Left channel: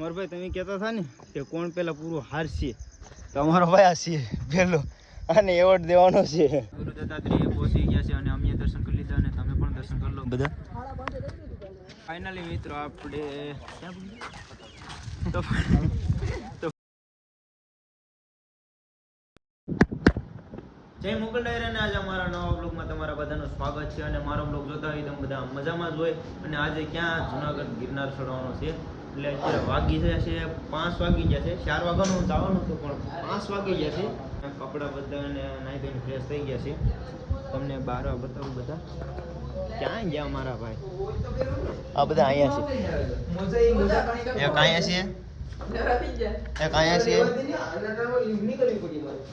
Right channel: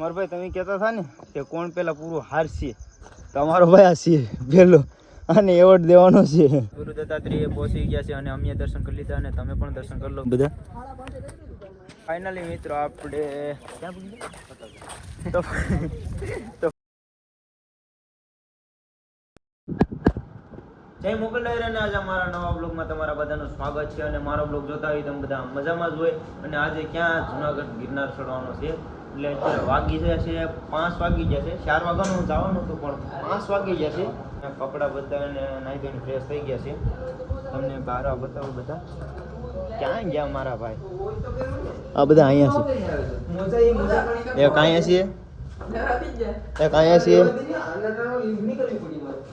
મારો ભાઈ તમે કહેતા હતા ને કે કોણ પેલા પૂરું હારશે, તમારો ભાઈ આ છે પેલો, આને એવોર્ડ દેવાનો છે. ગુરુ દત્તાત્રેય પહોંચી ગયા છે અને અમે દર્શન કરી લીધા અને તમે પણ દર્શન કરી લો બધા. ફાઇનલી મિત્રો આપણે ક્યાં પૂગી ગયા? જય મોગલ ડાયરા ને આજે અમારા નવા બ્લોગમાં તમારા બધાનું સ્વાગત છે. અને મારો બ્લોગ જોતા હોય તમે બધા મજામાં જ હોય. અને આજે ક્યાં જુનાગઢ ગિરનાર ચડવાનો છે, એટલે અત્યારે વાગી ગયા છે 5 વાગી ગયા છે. 4 વાગ્યાનું જવાનું હતું પણ 5 વાગી ગયા છે. કપડાં બધાને નાહી ધોઈને ફ્રેશ થઈ ગયા છે. તમને બહાર બતાવું બધા ક્યાં ગયા મારા ભાઈ. આ બધા અહીંયા છે, એક અહીંયા છે, એક અહીંયા છે.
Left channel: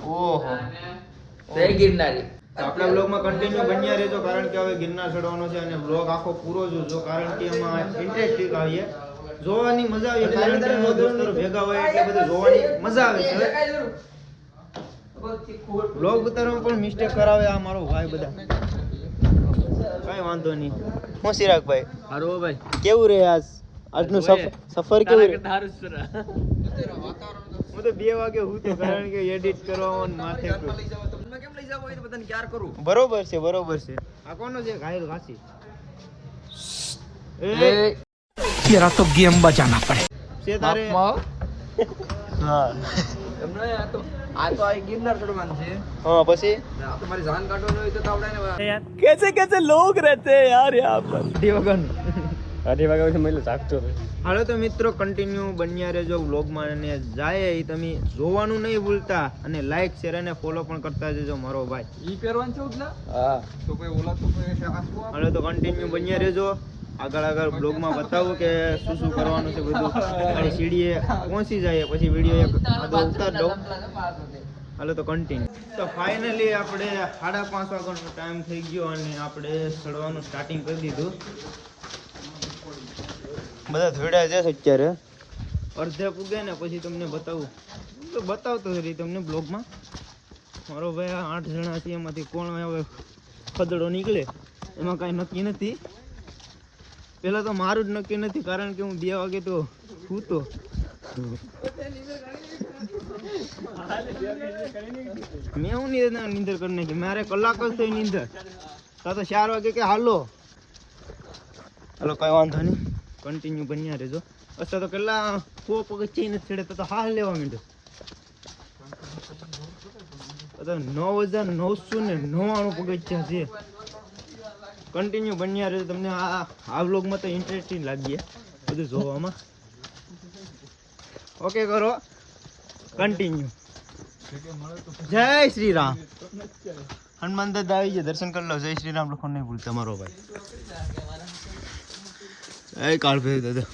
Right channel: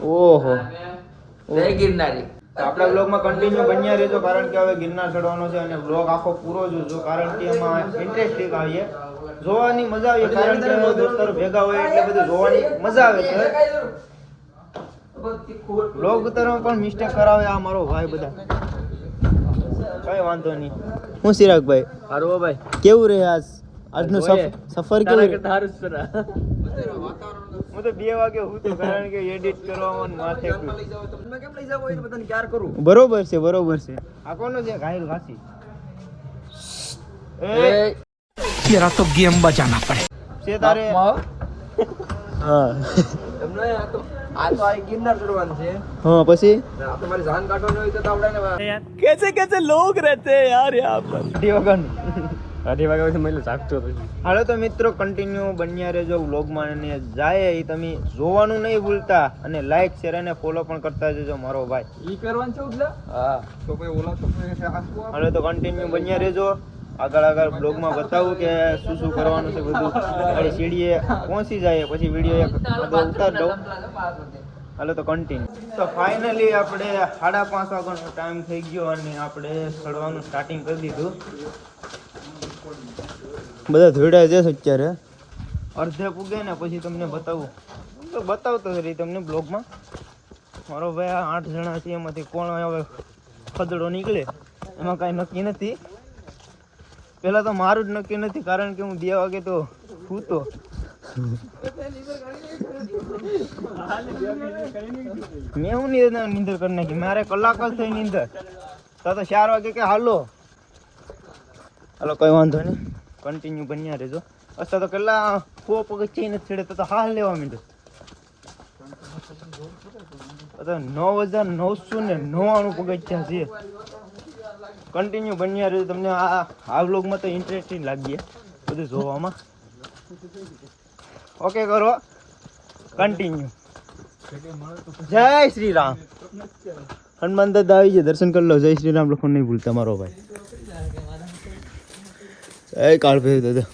ઓહો આપણા બ્લોગમાં કન્ટિન્યુ બન્યા રહેજો, કારણ કે હવે ગિરનાર ચડવાનો છે અને બ્લોગ આખો પૂરો જોજો, કારણ કે એમાં ઇન્ટરેસ્ટિંગ આવીએ, જોવાની મજા આવે, કારણ કે દોસ્તારો ભેગા હોય એટલે બધું જોવાની મજા આવે છે. બ્લોગ ઉતારવામાં પણ મિસ્ટેક કરાવે આ મારો ભાઈ બધા, કઈ વાંધો નહીં. હું ચિરાગભાઈ હારો ભાઈ, કેવું રહે આજનો સફર? કેવું? હું તો 2 વાગે હું તો, કારણ કે એડિટ કરવામાં માથે બરોબર છે, બરોબર છે. આ કોનો છે? ઘાયલ ઘાસી तेरा तो गेम बजाना पड़े છે તારે. હા हाँ પછી तुम्हारी जान काटो तो यार कैसे कैसे लोग रहते हैं यार यहाँ पर. હાલો તો મિત્રો કન્ટિન્યુ બન્યા રહેજો વ્લોગમાં, અને જાય એ તમે જોવાનું નહીં ભૂલતા, અને લાઈક શેર અને ફોલો પણ કરતા જજો મારો ભાઈ. હાલો તો કન્ટિન્યુ બન્યા રહેજો. આગળ બ્લોગમાં બતાવું કે શું શું કરવાનું છે બધું. અને સીડીએ પહોંચી જાય પછી વિડીયો એક ઉતાર દઉં. હાલો તો કન્ટિન્યુ. તો ફાઇનલી આપણે 5:30 વાગ્યાનો ટાઈમ થઈ ગયો અને આપણે ચડવાનું સ્ટાર્ટિંગ કરી દીધું. બધા ધોઈડા છે અત્યારે, અડધે પૂગે ને પછી તમને બતાવું તો બતાવતો રહી તમને બ્લોગમાં. મારો ભાઈ આ 8 જણા છે, એમાંથી કોણ હવે ખદડો નીકળે એમાં કાંઈ નક્કી નથી. પહેલાં તો મારું જ નક્કી નથી, કારણ કે હું 2 વાગે તો સૂતો. મેં હું નીંદર કરી નાખી, મારે કલાક જ થઈ નીંદર. તો 4 વાગે કે હાલો કઈ વાંધો નહીં, કન્ટિન્યુ બન્યા રહેજો. અત્યારે તો કેટલા પગથિયા નથી ચડે તો હાલ લેવા માંડ્યો. 9,999 પગથિયા છે. કન્ટિન્યુ બન્યા રહેજો. તમને આ વ્લોગમાં તો ઇન્ટરેસ્ટિંગ લાગીએ બધું જોવામાં. ઓકે કરો કન્ટિન્યુ. જય શ્રી રામ. હનુમાન દાદા આવી ગયા, દર્શન કરી લો. જય શ્રી રામ લખો નહીં ભૂલતા મારો ભાઈ. કાળ ભાઈ દાદા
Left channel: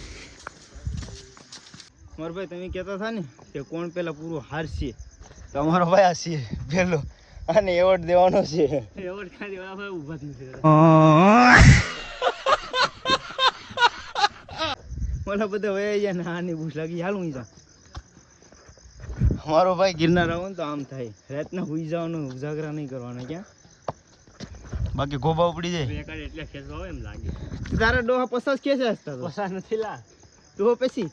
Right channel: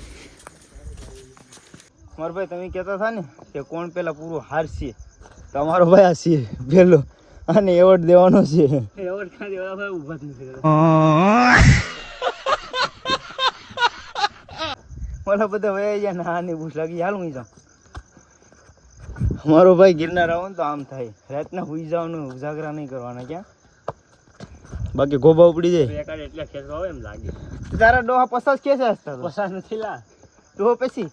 મારો ભાઈ તમે કહેતા હતા ને કે કોણ પેલા પૂરું હારશે, તમારો ભાઈ આ છે પેલો, આને એવોર્ડ દેવાનો છે. એવોર્ડ ક્યાં દેવાના ભાઈ, ઊભા જ નથી. મારા બધા વયા ગયા ને આની ભૂખ લાગી, હાલ હું જાઉં. મારો ભાઈ ગિરનાર આવો ને તો આમ થાય, રાતના હુઈ જવાનું, ઉજાગરા નહીં કરવાના. ક્યાં બાકી ગોબા ઉપડી જાય એટલે ખેંચવા આવે એમ લાગે. તારા ડોહા 50 કેસે હસતા તો 50 નથી લા તો પછી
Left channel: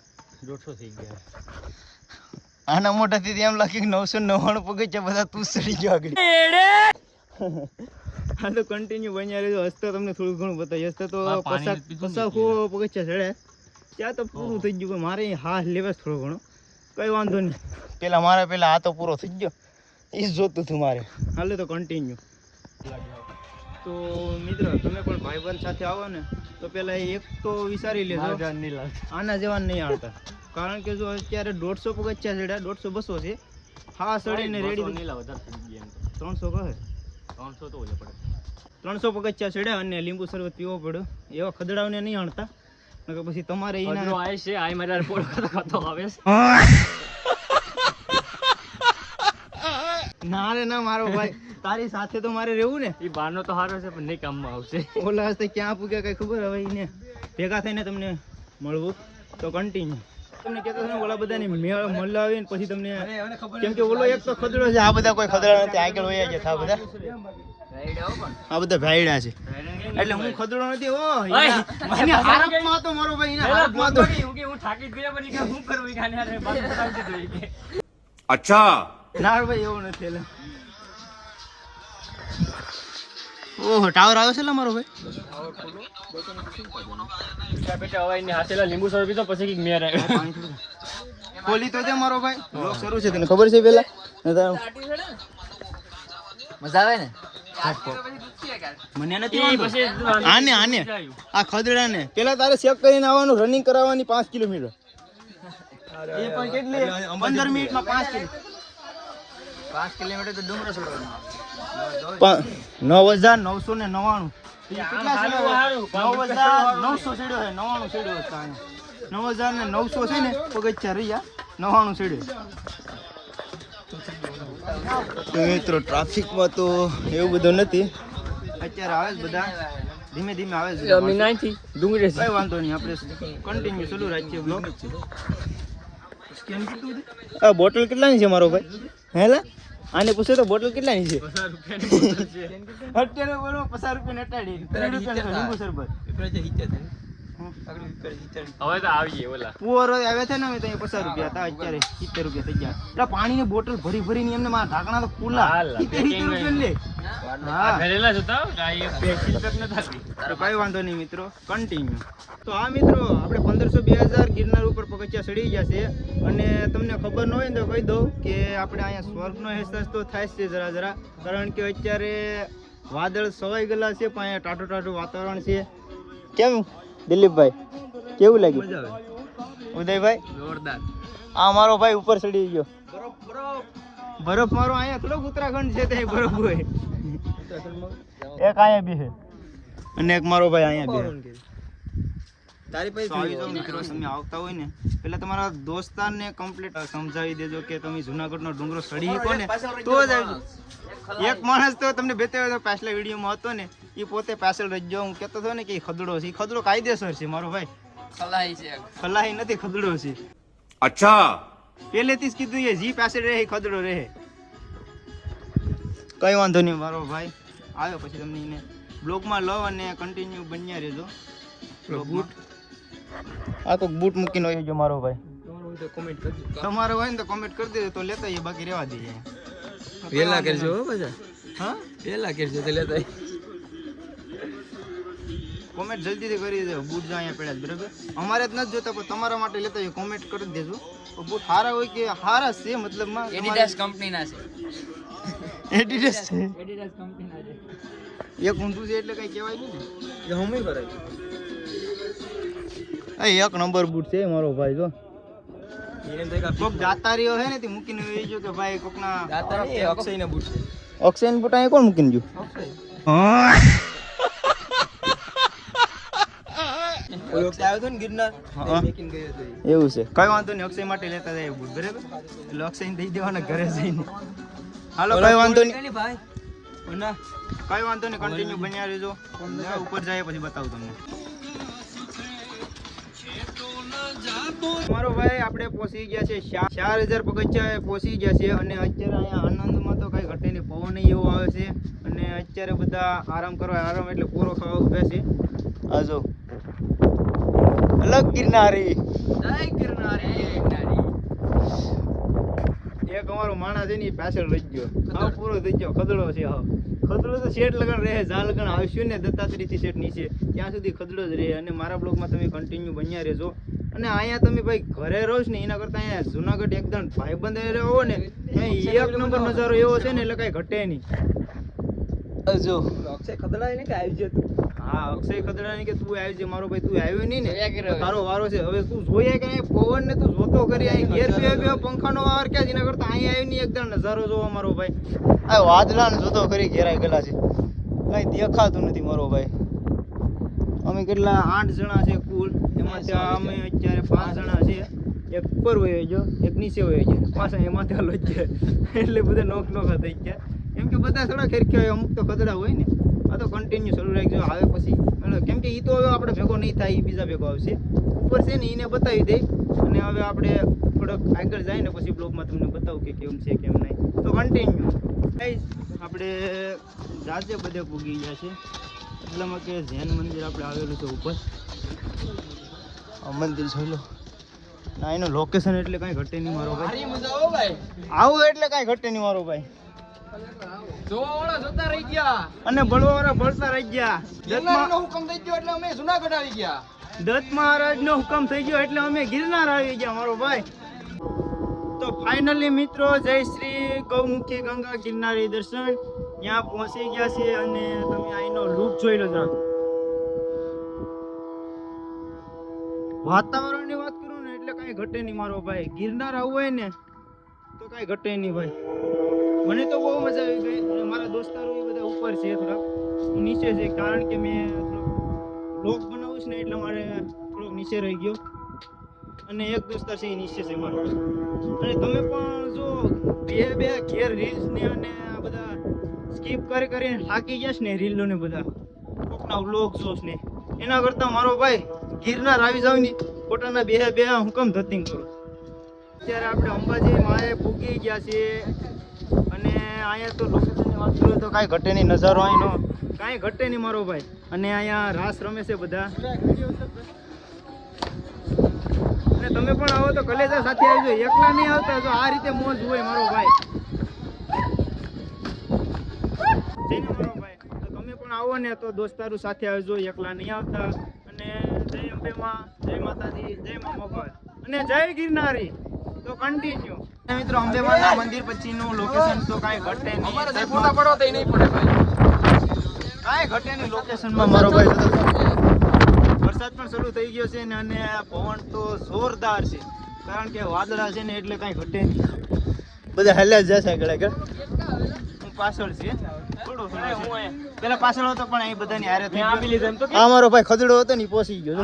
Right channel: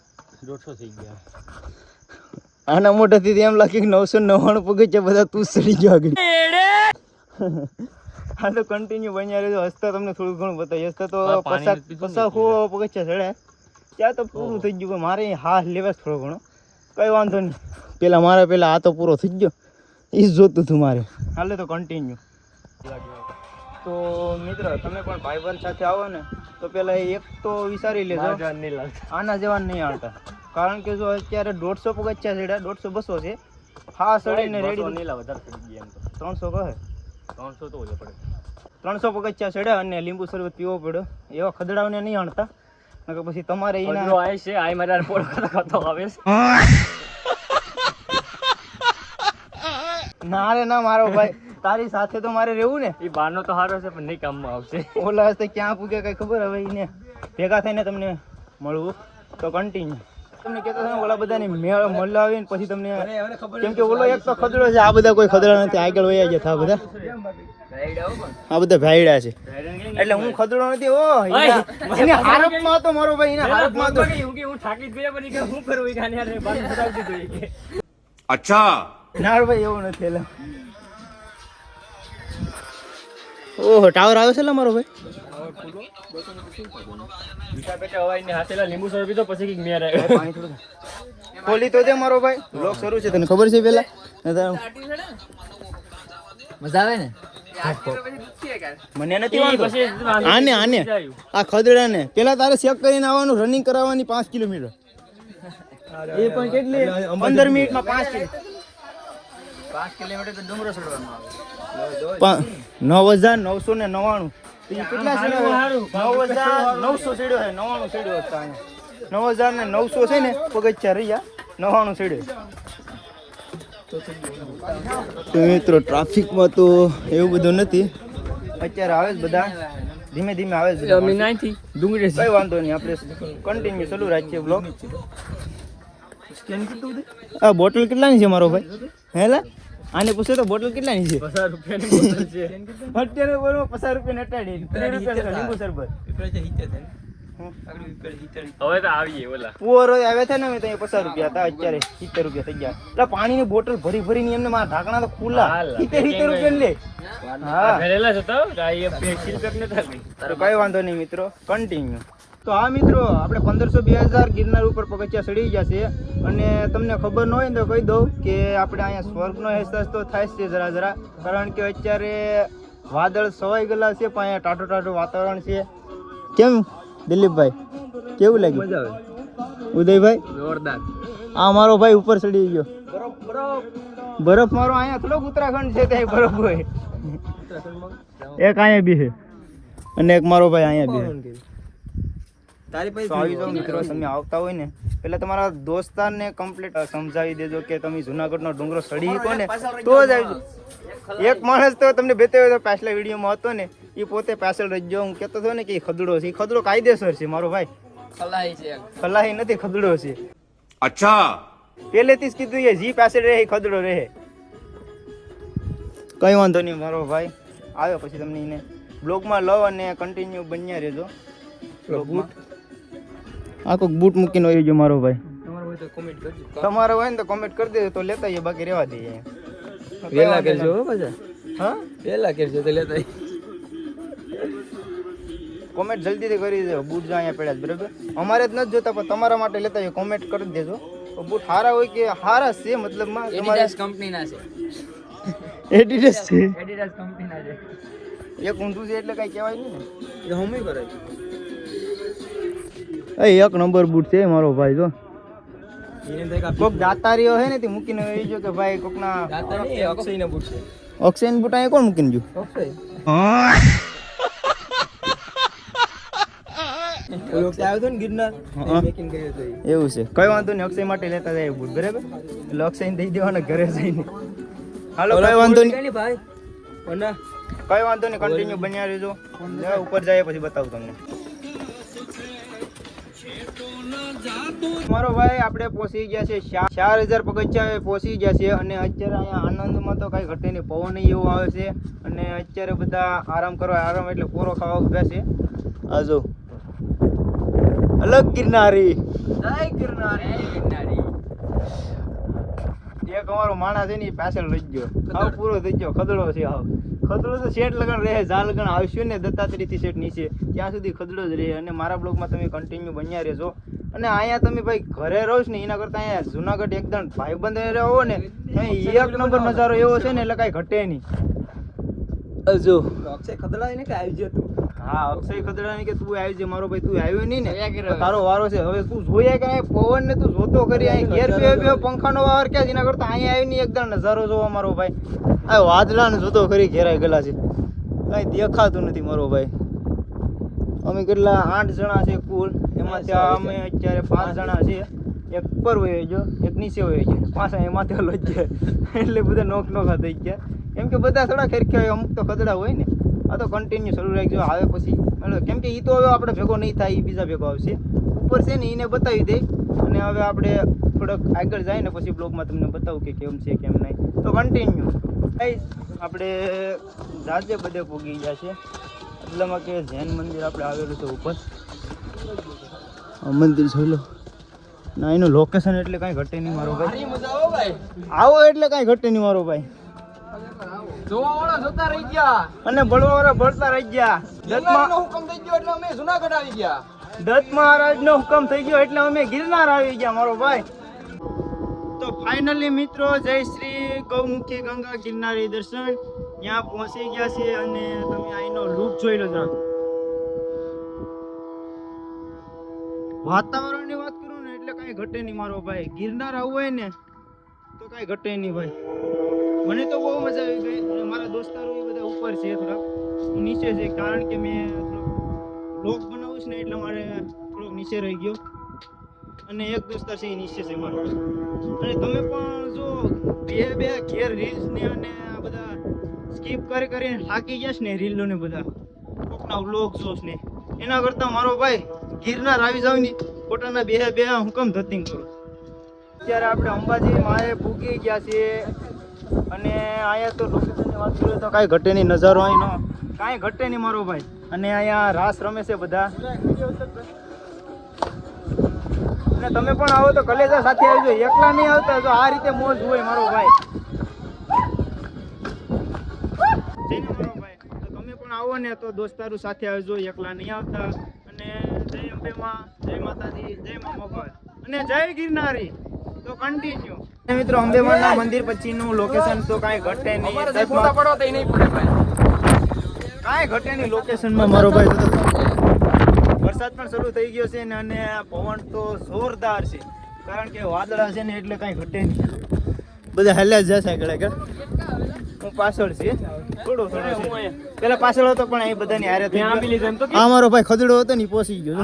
150 થઈ ગયા. આના મોઢેથી એમ લાગે કે 999 પગથિયા બધા તું ચડી ગયો આગળ. હા તો કન્ટિન્યુ બન્યા રહેજો. હસતા તમને થોડું ઘણું બતાવી. હસતા તો 50 પગથિયા ચડ્યા ત્યાં તો પૂરું થઈ ગયું. મારે હા લેવા થોડો ઘણો કઈ વાંધો નહીં. પેલા આ તો પૂરો થઈ ગયો, એ જ જોતું હતું મારે. હાલે તો કન્ટિન્યુ. તો મિત્રો તમે પણ ભાઈબંધ સાથે આવો ને તો પેલા એક તો વિચારી લેજો, આના જેવા નહીં આવતા. કારણ કે જો અત્યારે 150 પગથિયા ચડ્યા, 150-200 છે. હા ચડીને રેડી વધારે ચડી ગયા. એમ તો 300 કહે, 300 તો ઓછા પડે. 300 પગથિયા ચડ્યા અને લીંબુ શરબત પીવો પડ્યો. એવા ખદડાવને નહીં આણતા, નકર પછી તમારે એના આવે છે. આ મારા પોર ખાતો આવે છે. ના રે ના મારો ભાઈ, તારી સાથે તો મારે રહેવું ને. એ બારનો તો સારો છે પણ નહીં કામમાં આવશે. ઓલા હસ્તે ક્યાં પૂગ્યા કઈ ખબર હવે. એને ભેગા થઈને તમને મળવું તો કન્ટિન્યુ. તમને કહેતો હતો ને ઓલા બધાની મેળ મળાવીને પછી તમને કેમ કે ઓલો એક તો ખદડો છે, આ બધા કોઈ ખદડા નથી, આગળ વયા ગયા આ બધા ભાઈડા છે. એટલે હું ખદડો નથી. ઓ એને હારપમાં હતો મારો ભાઈ, એને હારપમાં હતો. હું થાકી જ ગયો પણ હું કરું ગાને યાર બાનું સડાવી દીધું. अच्छा ના ભાઈ એવું નથી. એટલે ઓહો ટાવર આવ્યો છે મારો ભાઈ. બેટા હવાઈ ને હાથેલા લીંબુ સર પીધો પછી કઈક મેર આવ્યો. પાણી થોડું ખોલી તો દે મારો ભાઈ. બ્લોક શરૂ છે, તને ખબર છે પેલા મજા આવે ને. મને નથી વાંધો. આને આ ખદડા ને પેલા તારે ચેક કરીને આવવાનું, રનિંગ કરાવવાની 5 કિલોમીટર. એ પણ કેટલી 15 મિનિટમાં 5 કિલોમીટર તો ડુંગરો ચડવાનો આવે. 9,999 કેટલા છે? 9,900 સીડ્યો છે. 99 સીડ્યો છે અહીંયા. 9,900 છે ને પગથિયા રહ્યા. 99 સીડ્યો. તો મિત્રો ટ્રાફિકમાં તો એવું બધું નથી. અત્યારે આવે જ બધા, ધીમે ધીમે આવે જ બધા. કઈ વાંધો નહીં, આપણે કન્ટિન્યુ ચાલુ રાખીએ બ્લોગ. સ્કેન કેટલું છે? આ બોટલ કેટલાની છે મારો ભાઈ? હેલા આને પૂછો તો બોટલ કેટલાની છે? 50 રૂપિયાની બોટલ છે. અત્યારે બોલો 50 રૂપિયા નટાડી 30 રૂપિયા લીંબુ શરબત. હવે તો આવીએ ઓલા પુઅરો આવ્યા છે ને અમે ત્યાં 50 રૂપિયા હતા, અત્યારે 70 રૂપિયા થઈ ગયા. એટલે પાણીની બોટલ ભરી ભરીને એમને મારા ઢાંકણા તો ખુલ્લા 70 રૂપિયા લે. હા ભરેલા છે તો ગાય આપની સિલપેક ન થાતી. તો કઈ વાંધો નહીં મિત્રો, કન્ટિન્યુ. તો આ મિત્રો આપણે 1500-2000 ગિરનાર ઉપર પગથિયા ચડી ગયા છે. અને તમને ખબર ન હોય ને તો કહી દઉં કે આપણે અહીંયા સ્વર્ગનો અહેસાસ તો થાય છે જરા જરા, કારણ કે અત્યારે વાદળ સવાઈ ગયેલા છે પણ અહીંયા ટાટું ટાટું વાતાવરણ છે. કેમ દિલીપભાઈ, કેવું લાગ્યું? મજા આવે. ઉદયભાઈ જોરદાર. આ મારો ભાઈ ઉપર ચડી ગયો. બરફ મારો અહીંયા થોડોક ઉત્તરાખંડ છે ત્યાં બરફ હોય. એક અહીંયા બી છે અને એક મારો ભાઈ અહીંયા બી છે. તો આવી જાઓ મિત્રો, તમે આવતા હોય ને પેલા તમારા દોસ્તારને કમ્પ્લીટ સમજાવી દેજો કે તમે જુનાગઢનો ડુંગરો ચડી શકો ને તો જ આવજો. એક માણસ તો તમને બતાવ્યો હતો પાછલા વિડીયોમાં હતો ને, એ પોતે પાછળ રહીજો. હું કહેતો હતો ને કે એ ખદડો છે. એ ખદડો કાયદેસર છે મારો ભાઈ, ખલાહી નથી, ખદડો છે. अच्छा પહેલેથી જ કીધું એ જી પાછળ રહે એ ખદડો રહે. કઈ વાંધો નહીં મારો ભાઈ, આવ્યો પછી તમને એને બ્લોગમાં લો અને કન્ટિન્યુ બન્યા રહેજો બ્લોગમાં. આ કોઈ બૂટ મૂકીને હોય જો મારો ભાઈ. તમારો હોય ને તો કોમેન્ટ કરી દેજો તો લેતા આવીએ, બાકી રહેવા દઈએ. વેલા કરજો પાછા. હા વેલા કરજો તો લેતા. કોમેન્ટ જલ્દીથી કરી દેજો. બૂટ જો અહીંયા પડ્યા છે બરાબર, અમારે જ નથી જોતા પણ તમારા માટે લેતા આવીએ. કોમેન્ટ કરી દેજો. બૂટ સારા હોય કે સારા છે મતલબમાં એડિડાસ કંપનીના છે. એડિડાસ છે, એડિડાસ કંપનીના છે. એક ઊંધું છે એટલે કઈ કહેવાય નહીં ને. એ હું બી કરે. એક નંબર બૂટ છે મારો ભાઈ. જો કોક દાતારીઓ હે ને તે મૂકીને એ જો કે ભાઈ કોકના અક્ષયના બૂટ છે. અક્ષયના બૂટ અહીંયા કોણ મૂકીને જો? અક્ષય ગિરનાર એવું છે. કઈ વાંધો નહીં, અક્ષય માટે લેતા જાય બૂટ બરાબર. એટલે અક્ષય દઈ દેવાના ઘરે જઈને. હાલો કઈ વાંધો નહીં ભાઈ. કઈ વાંધો નહીં, કન્ટિન્યુ બન્યા રહેજો. ઉપર જાય પછી બતાવું તમને. મારો ભાઈ આપણે પહોંચી ગયા છે 4000 પગથિયા પહોંચી ગયા છે. અને અત્યારે અહીંયા આનંદમાં તો કઈ ઘટે નહીં, પવન એવું આવે છે. અને અત્યારે બધા આરામ કરવા, આરામ એટલે પૂરો ખાવા ઉભા છે. આ જો અલગ ગિરનારી, એક અમારો માણસ છે ને એ પાછળ રહી ગયો. હાવ પૂરો થઈ ગયો, ખદડો છે. હાવ ખદડો તો શેઠ લગન રહે, જા લગન આવશું ને દત્તાત્રેયથી શેઠ નીચે ત્યાં સુધી ખદડો જ રહે. અને મારા બ્લોગમાં તમે કન્ટિન્યુ બન્યા રહેજો. અને અહીંયા તમે ભાઈ ઘરે રહો છો ને એના કરતાં અહીંયા જુનાગઢ એકદમ ભાઈબંધ રહો ને, અહીં એક નંબર નજારો એવો છે ને એટલે કાંઈ ઘટે નહીં. જો અક્ષય ખદડા ને કે આવી જતું. હા અક્ષય ખદડાની કે તું આવી છે મારો ભાઈ. તું આવ્યો નહીં ને તો તારો વારો છે. હવે તું જોયા કે અહીં પવન ને તું જોતો કરી અહીં ઘેર બે પંખાનો વાર ક્યાં છે, એના કરતાં અહીંયા આવી નહીં એકદમ નજારો જોવા મારો ભાઈ. આ વાદળા ને જોતો કરી ઘેરાઈ ગયેલા છે, કાંઈ દેખાતું નથી મારો ભાઈ. અમે કેટલા 8 જણા છે કુલ, એમાંથી અમે અત્યારે 5 જણા છે. એક ઉપર વયો ગયો, એક નીચે વયો ગયો, પાછા એમાંથી હલો જ ગયા. એટલે બધા નોખા થઈ ગયા. કેમ કે બધા થોડા ખેરખ્યા હોય, અમુક તો ખદડા હોય ને. આ તો કન્ટિન્યુ શરૂ રાખજો. આવે પછી કેમ કે એ તો હવે આપણે ભેગો નહીં થાય, એ બીજા ભેગો આવશે. ઉપર છે ને એને બતાવી દે અને હવે આપણે થોડોક આગળ જાય ને પછી બ્લોગમાં તમને બતાવું કે કેમ છે કેમ નહીં. તો કન્ટિન્યુ ગાઈસ. આપણે જાજે બધે પૂગી ગયા છે એટલામાં કે જૈન મંદિર આપણે આવેલું છે ઉપર. આ મંદિર જોઈ લો ના, એનું લોકેશન એટલે કાંઈ ઘટે નહીં મારો ભાઈ. આવો એટલે કાંઈ ઘટે નહીં મારો ભાઈ. અને બળવાવાળા બળતા રહી ગયા. દત્ત મહારાજ નો હુકમ થઈ ગયો એટલે અમે ગિરનાર આવી ગયા મારો ભાઈ. તો ફાઇનલી મિત્રો જય શ્રી ગૌમુખી ગંગા ગિરનારી દર્શન ત્યાં પહોંચી ગયા છે અને તમે અહીંનો લુક જોઈ લો જરા. વાતાવરણની વાત કરું ને એટલે કાંઈ ઘટે નહીં મારો ભાઈ. ગિરનાર આવવું હોય ને તો કાંઈ ઘટે નહીં ભાઈ. મને તો બહુ મજા આવી ગઈ અને મારા દોસ્તારો એ બધા ઉપર છે, થોડાક હું નીચે છે કારણ કે મેં થોડોક બ્લોગ બનાવું છું ને એટલે મારે થોડોક નીચે રહી ગયો અને એક દોસ્તાર છે એ નીચે છે મારો. અને તમે પણ જો બે ઘેર રીલ્સ ને અને આ બધા સ્કીપ કરીને થાકી ગયા છે ને રીલો ને બધા કોકના વ્લોગ જોશ ને એના કરતાં મારો ભાઈ ગિરનાર આવી જાવ ને પોતાના બે હુકમ ધતિંગ કરો. અત્યારે આપણે અંબાજી માએ પૂગી ગયા છીએ અને અહીંયા તો લોકેશનની વાત કરીએ તો કાંઈ ઘટે નહીં. નજારો અહીંનો કાંઈ ઘટે નહીં મારો ભાઈ. અને અહીંયા રાસ રમે છે બધા. અને તમે પણ આવો તો કલેજા સાથે આવજો, એકલા નહીં આવતા. જો આ રીતે મોજ હોય મારો ભાઈ. મારો ભાઈ તો તમે પણ આવો ને તો દોસ્તારો સાથે આવજો, એકલા નહીં આવતા. અને જય અંબે માં, જય માતાજી, જય મા મોગલ અને જય ગિરનારી. તો કન્ટિન્યુ મિત્રો. અંબેમાના મંદિર પછીનું લોકેશન તો કાંઈ ઘટે નહીં. કાંઈ ઘટે નહીં લોકેશનમાં મારો ભાઈ. વરસાદ પણ શરૂ થઈ ગયો છે ને અને પવન તો જોરદાર છે કારણ કે વાદળા છે ને એટલે કાંઈ ઘટે નહીં. બધા હલ્યા જશે આગળ. હું પાછળ છે થોડો છે. પેલા પાછળ હતો પણ અહીં બધાની હારે થઈ ગયો. આ મારો ભાઈ ખદડો હતો ને પહોંચી ગયો.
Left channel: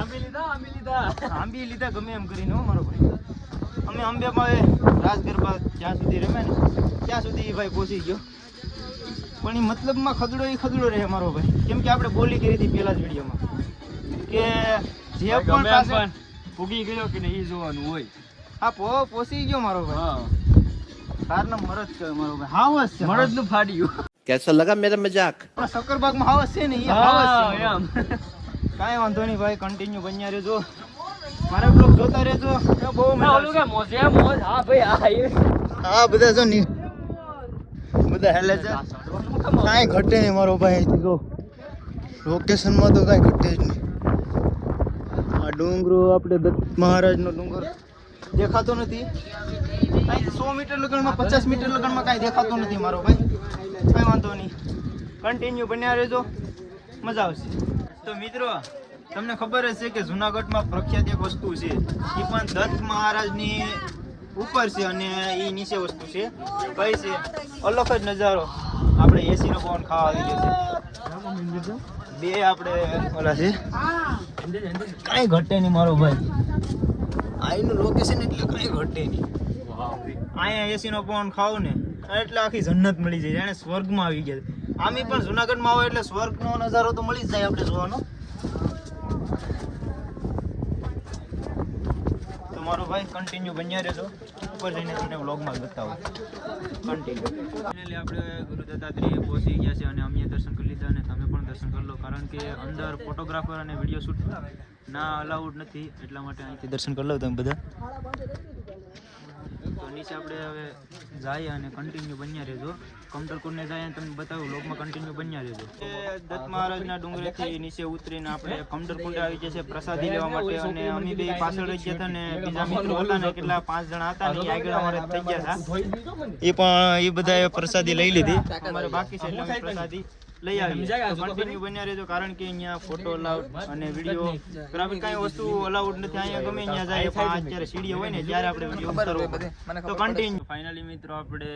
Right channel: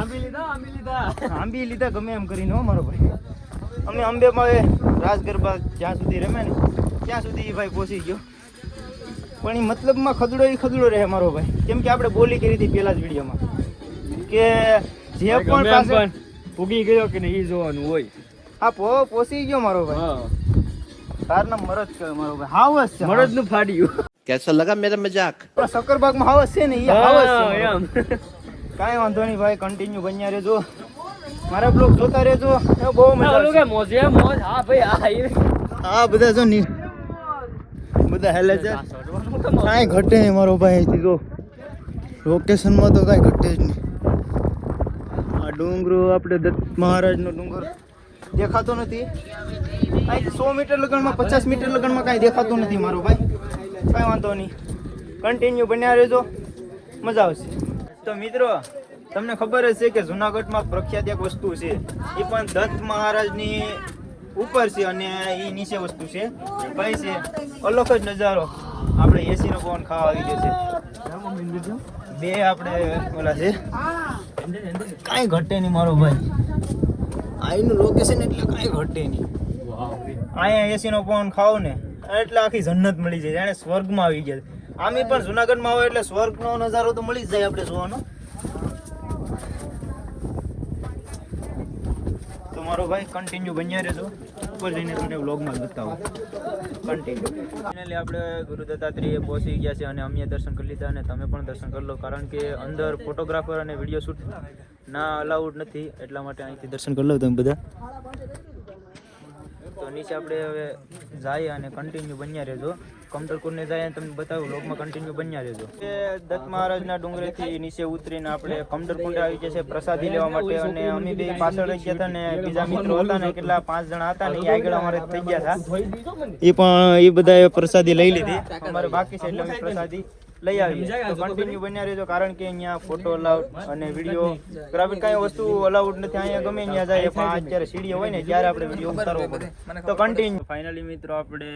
આંબી લીધા ગમે એમ કરીને હો મારો ભાઈ. અમે અંબેમાં રાસ ગરબા જ્યાં સુધી રમે ને ત્યાં સુધી ભાઈ પહોંચી ગયો. પણ એ મતલબમાં ખદડો રહે મારો ભાઈ. કેમ કે આપણે બોલી કરી હતી પેલા જ વિડીયોમાં કે જે પણ પાસે ઉગી ગયો કે નહીં એ જોવાનું હોય. હા પહોંચી ગયો મારો ભાઈ. તારના મરદ કહેવાય મારો ભાઈ. હાવસ છે, મરદ નું ફાડ્યું. कैसा लगा मेरा मजाक? સક્કરબાગમાં હાવસ છે ને એ હાવસ છે એમ. કાંઈ વાંધો નહીં ભાઈ, કન્ટિન્યુ બન્યા રહેજો. મારા બ્લોગ જોતા રહેજો. બહુ મજા આવશે. હા બધા જો ની બધા હેલે છે. કાંઈ ઘટે નહીં મારો ભાઈ. અહીંથી જો લોકેશનમાં તો કાંઈ ઘટે જ નહીં. આ ડુંગરો આપણે દત્ત મહારાજનો ડુંગર દેખાતો નથી. અહીંથી 100 મીટર લગનમાં 50 મીટર લગનમાં કાંઈ દેખાતું નથી મારો ભાઈ. કાંઈ વાંધો નહીં, કન્ટિન્યુ બન્યા રહેજો, મજા આવશે. તો મિત્રો તમને ખબર જ છે કે જુનાગઢમાં પ્રખ્યાત એક વસ્તુ છે, એ પણ દત્ત મહારાજની ઉપર છે અને એ નીચે વસ્તુ છે. કઈ છે? અલગ જ નજારો. આપણે એસીનો પવન ખાવા આવી ગયો છે. બે આપણે ઓલા છે. કાંઈ ઘટે નહીં મારો ભાઈ. અહીંનું લોકેશન એટલે કાંઈ ઘટે નહીં. અહીંયા એસીનો પવન ખાવ ને એટલે આખી જન્નત મળી જાય, જાણે સ્વર્ગમાં આવી ગયા. આમે પણ જુનાગઢમાં આવે એટલે સ્વર્ગનો નજારો તો મળી જ જાય આપણે જોવાનો. તો મારો ભાઈ કન્ટિન્યુ બન્યા રહેજો. ઉપર જઈને તમને વ્લોગમાં બતાવો કન્ટિન્યુ. ફાઇનલી આપણે ગુરુ દત્તાત્રેય પહોંચી ગયા છે અને અમે દર્શન કરી લીધા અને તમે પણ દર્શન કરી લો કારણ કે અંદર ફોટોગ્રાફર અને વિડીયો શૂટ ના અલાઉડ નથી, એટલા માટે અહીંથી દર્શન કરી લો તમે બધા. તો નીચે આપણે હવે જઈએ અને કન્ટિન્યુ બન્યા રહેજો. કમટરકોટને જાય તમને બતાવું વ્લોગમાં કન્ટિન્યુ બન્યા રહેજો. એ દત્ત મહારાજના ડુંગરેથી નીચે ઉતરીને આપણે કમટરકોટે આવી ગયા છે પ્રસાદી લેવા માટે. અને અમે બે પાછળ રહી ગયા હતા ને બીજા મિત્રો હતા ને કેટલા 5 જણા હતા ને એ આગળ અમારે થઈ ગયા હતા. એ પણ એ બધાએ પ્રસાદી લઈ લીધી. અમારે બાકી છે એટલે અમે પ્રસાદી લઈ આવીએ. તો કન્ટિન્યુ બન્યા રહેજો કારણ કે અહીંયા ફોટો અલાઉડ અને વિડીયો ગ્રાફિક કાંઈ વસ્તુ અલાઉડ નથી. અહીંયા ગમે ત્યાં જાય પણ અત્યારે સીડીઓ હોય ને ત્યારે આપણે વિડીયો ઉતારવો પડે. તો કન્ટિન્યુ. ફાઇનલી મિત્રો આપણે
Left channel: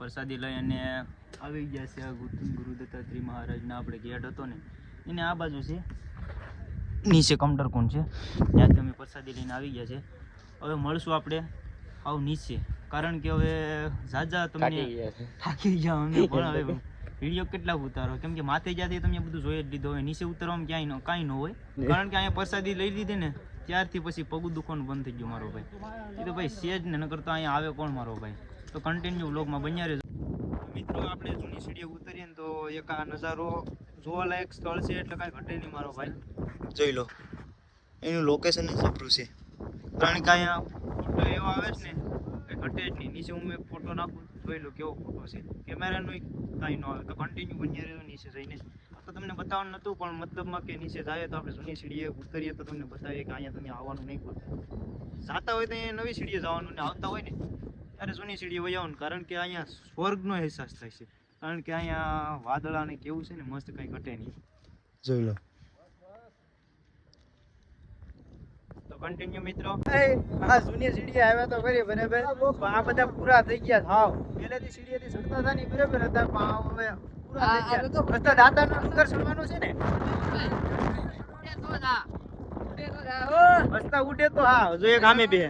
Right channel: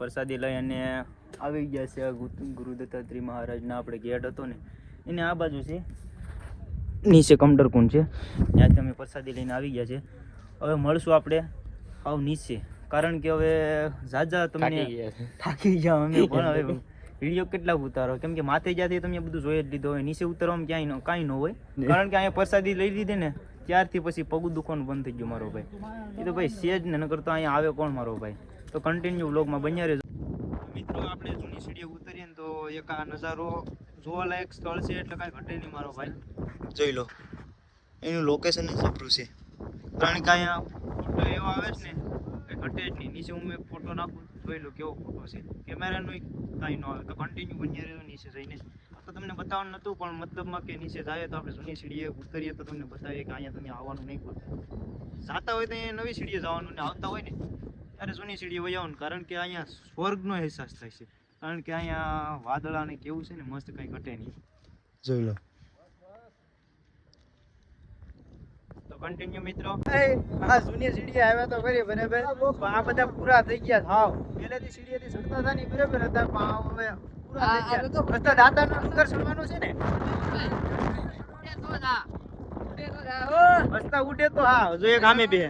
પ્રસાદી લઈ અને આવી ગયા છે ગુરુ દત્તાત્રેય મહારાજના આપણે ગેટ હતો ને એને આ બાજુ છે, નીચે કમટરકુંડ છે, ત્યાંથી અમે પ્રસાદી લઈને આવી ગયા છે. હવે મળશું આપણે આવ નીચે કારણ કે હવે ઝાઝા તમને થાકી ગયા અમે પણ. હવે વિડીયો કેટલા ઉતારો કેમ કે માથે જ્યાંથી તમે બધું જોઈ જ લીધો હોય, નીચે ઉતારવામાં કાંઈ ન હોય કારણ કે અહીંયા પ્રસાદી લઈ લીધી ને ત્યારથી પછી પગ દુખવાનું બંધ થઈ ગયું મારો ભાઈ. એ તો ભાઈ સેજ ને નકર તો અહીંયા આવે કોણ મારો ભાઈ. તો કન્ટિન્યુ વ્લોગમાં બન્યા રહેજો. મિત્રો આપણે જૂની સીડીએ ઉતરીએ ને તો એક આ નજારો જોવાલાયક સ્થળ છે એટલે કાંઈ ઘટે નહીં મારો ભાઈ. જોઈ લો એનું લોકેશન જબરું છે. કારણ કે અહીંયા ફોટો એવો આવે છે ને કંઈ ઘટે જ નહીં. નીચે હું એક ફોટો નાખું જોઈ લો કેવો ફોટો છે. કેમેરાનો કાંઈ ન આવે તો કન્ટિન્યુ બન્યા રહેજો નીચે જઈને. તો તમને બતાવવાનું નહોતું પણ મતલબમાં કે નીચે જાય તો આપણે જૂની સીડીએ ઉતરીએ તો તમને બતાવીએ કે અહીંયા તમે આવવાનું નહીં પડે. જાતા હોય તો અહીંયા નવી સીડીએ જવાનું ને આવતા હોય ને ત્યારે જૂની સીડીએ વહી આવવાનું. કારણ કે અહીંયા સ્વર્ગનો અહેસાસ થાય છે. કારણ કે અહીંયા વાદળા ને કેવું છે ને મસ્ત કંઈ ઘટે નહીં. જોઈ લો તો કન્ટિન્યુ મિત્રો. આ જૂની સીડીએ આવ્યા તો ખરી બરાબર. આ બધા પૂરા થઈ ગયા થાવ. પહેલેથી સીડીએથી ચડતા હતા નહીં બરાબર હતા પણ હવે પૂરા થઈ ગયા. રસ્તા દાતાનો ડુંગર ચડવાનો છે ને રસ્તા ઉડે તો હા. જો એક આમે બે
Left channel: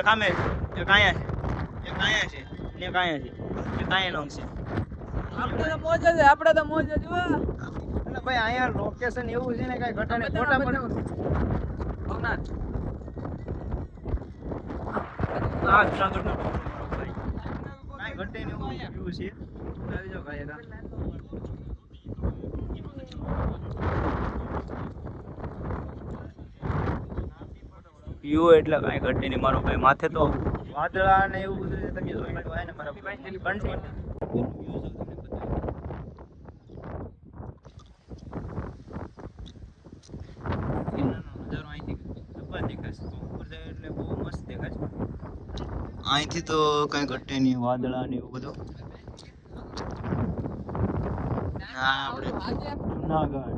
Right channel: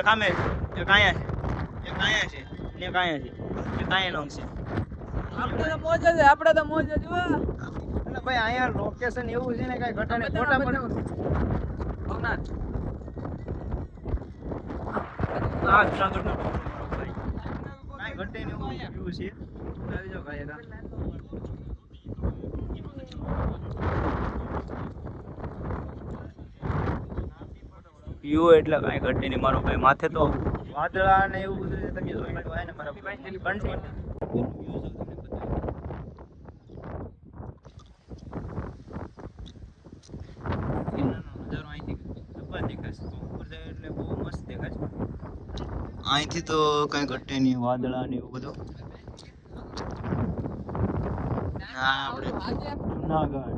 એક આમે એક આયા છે એક આયા છે ને એક આયા છે એક આયા લોંગ છે. આપણે તો મોજ જ આપણે તો મોજ જ હો. એટલે ભાઈ અહીંયા લોકેશન એવું છે ને કાંઈ ઘટાને ફોટા પણ ભવનાથ આ જુનાગઢનો ભાઈ કાંઈ ઘટે ને એવું વ્યૂ છે. આવી જાઓ ભાઈ એના વ્યૂ એટલે કાંઈ ઘટે નહીં મારો ભાઈ. માથે તો વાદળા ને એવું બધું છે. તમે જોઈ લો ને મારા ભાઈ અહીંથી તો કઈ ઘટે નહીં. વાદળા ને એવું બધું. હા આપણે જુનાગઢ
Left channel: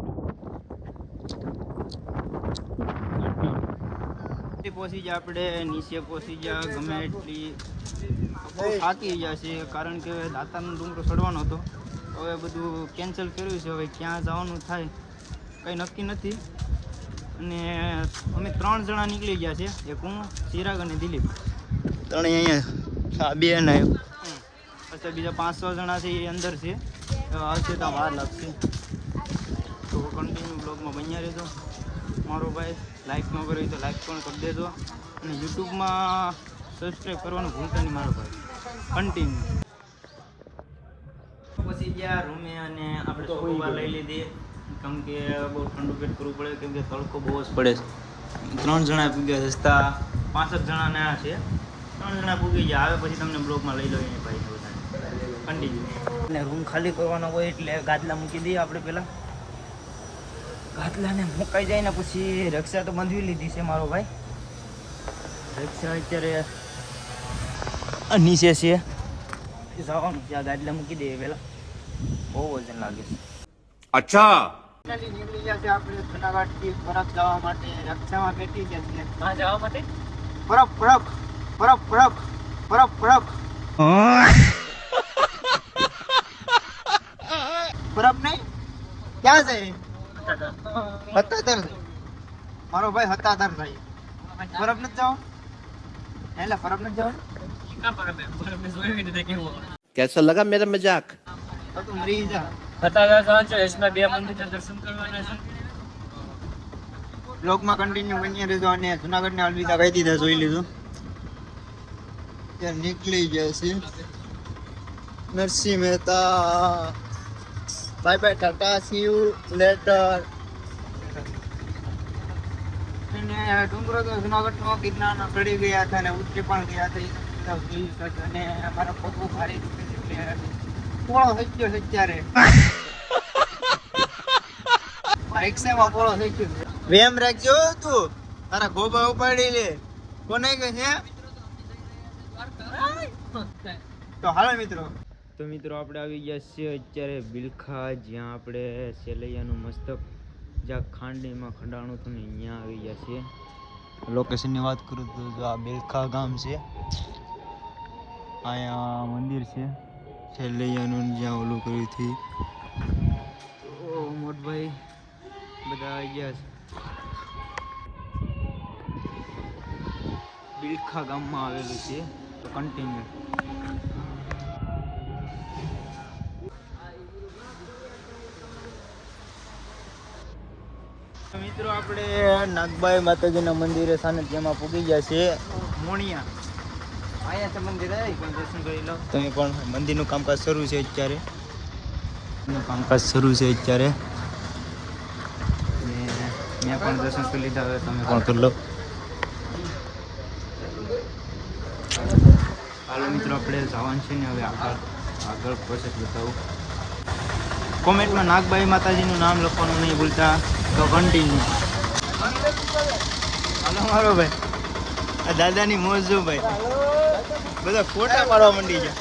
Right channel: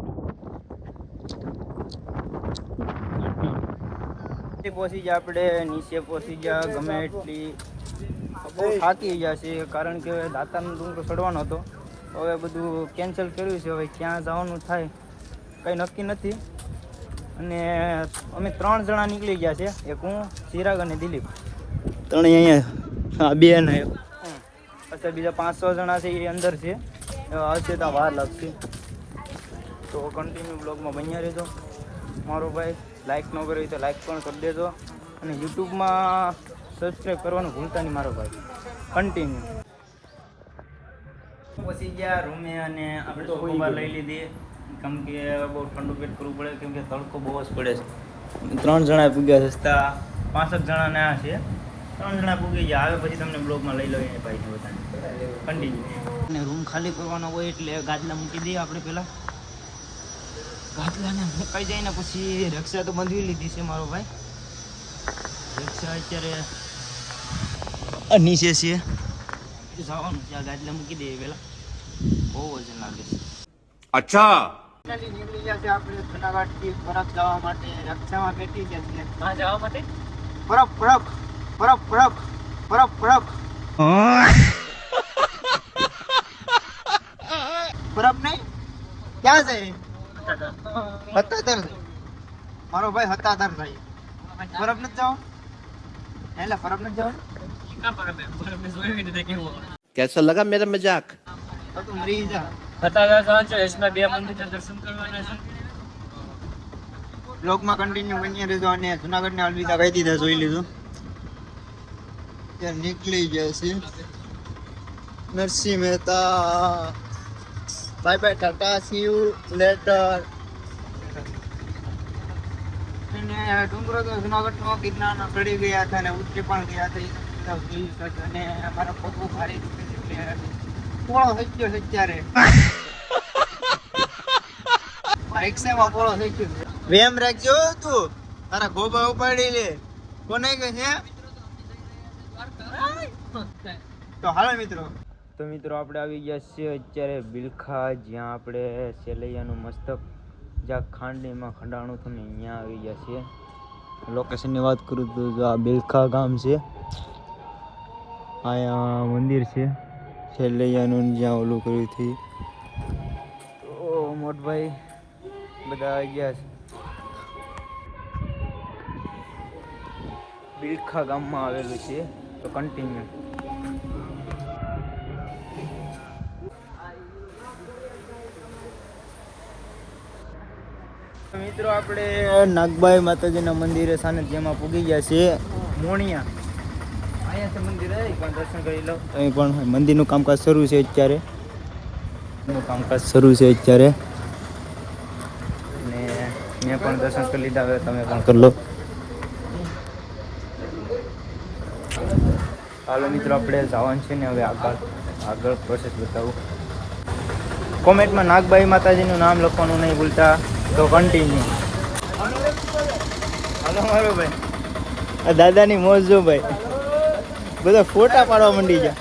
પહોંચી જાય. આપણે નીચે પહોંચી જાય ગમે એટલી બહુ થાકી ગયા છે. કારણ કે દાતાનો ડુંગરો ચડવાનો હતો. હવે બધું કેન્સલ કર્યું છે. હવે ક્યાં જવાનું થાય કંઈ નક્કી નથી. અને અમે 3 જણા નીકળી ગયા છે. એક હું, ચિરાગ અને દિલીપ. ત્રણેય અહીંયા બે ને પછી બીજા 5-6 જણા છે એ અંદર છે. હશે તો વાર લાગશે. તો કન્ટિન્યુ બ્લોગમાં બન્યા રહેજો મારો ભાઈ. લાઈક ન કરી તો લાઈક પણ કરી દેજો અને યુટ્યુબમાં સબસ્ક્રાઈબ કરવાનું ભૂલતા નહીં મારો ભાઈ. કન્ટિન્યુ પછી ગયા રૂમે અને આપણે ચોકોબાર લઈ લીધી. કેમ કે બહુ ઠંડુ પેટ કરવું પડે કેમ કે તડકો બહુ જ પડે છે. 3 જણા પૂગ્યા સસ્તા 5 જણાના છે. 3 જણા પૂગી ગયા. હવે પછી તમને બ્લોગમાં લઈ લઈએ ભાઈને બધાને. કન્ટિન્યુ અને રૂમ ખાલી કરવાનો હોય એટલે ગાદલા મૂકી દઈએ આપણે પહેલાં. ગાદલાને મુકાઈ જાય ને પછી રક્ષા તો બાંધવી લીધી છે મારો ભાઈ. રક્ષા અત્યારે નીચે છે જવાનું છે. આ ગાદલા મૂકી દઈએ પહેલાં. બહુ વજન લાગે છે. अच्छा નીકળી ગયા છે આપણે જુનાગઢથી પરબ જવા માટે. રક્ષામાં બેઠી ગયા છે. માં જવા માટે પરબ પરબ પરબ પરબ પરબ પરબ પરબ નહીં ક્યાં છે? હતાતર મારો ભાઈ હતાતર ભાઈ. પરબ નથી જવાનું એટલે પરબ નથી જવાનું. કા પર બે જોઈ નથી કેવું कैसा लगा मेरा मजाक? તો તું મરી જા. હતા સાંચો એસમાં 2 મંદિર દર્શન કરવાના છે. બ્લોગમાં કન્ટિન્યુ બની રહેજો. અને જુનાગઢને અલવિદા કહી દીધા જોઈ લીધું. ત્યાં નીકળી ગયા છે. Narsinh Mehta bye bye Tata C you letter. અને ડુંગરો તો જુનાગઢનો ગિરનારનો ચડી ગયા હતા અને ઉતરી પણ ગયા હતા. અને અમારા પગ ભારે પોળો થઈ ગયો છે અત્યારે. રિક્ષામાં પોળો થઈ ગયો. વેમ રાખજો તું. તારા ગોબા ઉપાડી લે. કોને કે છે? તો હાલો મિત્રો. તો મિત્રો આપણે આવી ગયા છીએ અત્યારે બિલખા, જ્યાં આપણે સેલૈયાનું મસ્તક જ્યાં ખાંડણીમાં ખંડાણું હતું ને અહીંયા આવી ગયા છીએ. લોકેશનની વાત કરું તો જો આ બિલખા ગામ છે. અહીંયા મંદિર છે સેલૈયાનું જ્યાં ઓલું કર્યું હતી. તો મોટભાઈ બધા આવી ગયા છે. બિલખા ગામમાં આવેલું છે. તો કન્ટિન્યુ મિત્રો આપણે નાગબાઈ માતાજીના મંદિરે સામે જેમાં પૂગી ગયા છે મોણિયા. અહીંયા તો મંદિર પણ દર્શન કરી લો તમે પણ. મંદિરનું કામકાજ શરૂ છે અત્યારે. ને મેં પણ દર્શન કરી લીધા, હવે તમે પણ કરી લો. હાલો મિત્રો, આપણે જવાનું છે ને હવે આગળ પ્રોસેસ બતાવું. કોમેન્ટમાં નાગબાઈ માતાજીનું નામ લખવાનું નહીં ભૂલતા. તો કન્ટિન્યુ. હાલો મારો ભાઈ, આ દાદાની મોજ જો ભાઈ, બધા ફોટા પાડવા મંડી ગયા.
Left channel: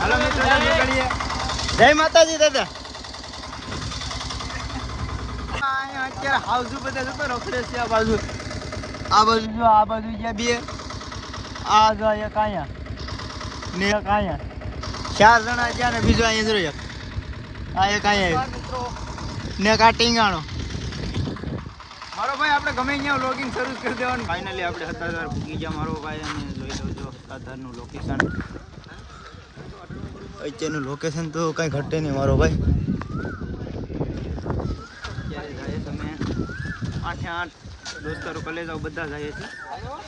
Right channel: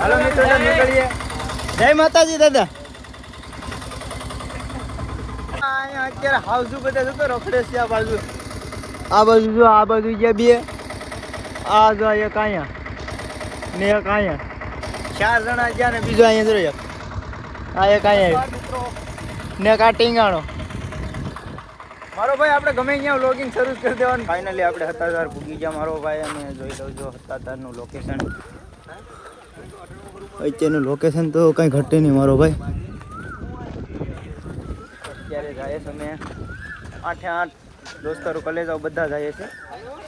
હાલો મિત્રો, તો નીકળીએ. જય માતાજી દાદા. અહીંયા અત્યારે હાઉસ બધા જતો રખડે છે. આ બાજુ જો, આ બાજુ ગયા બે. આ જો એક અહીંયા ને એક અહીંયા, 4 જણા ગયા ને બીજો અહીંયા જો એક. આ એક અહીંયા ને એક આ ટીંગાણો. મારો ભાઈ આપણે ગમે અહીંયા વ્લોગિંગ શરૂ કરી દેવાનું. ફાઇનલી આપણે હતાધાર ભૂગી ગયા મારો ભાઈ, અને જોઈ લઉં જો હતાધારનું લોકેશન. અત્યારનું લોકેશન તો કંઈ ઘટે નહીં મારો ભાઈ. અત્યારે જાય છે અમે 8 દોસ્તારો કલેજાઓ બધા જઈએ છે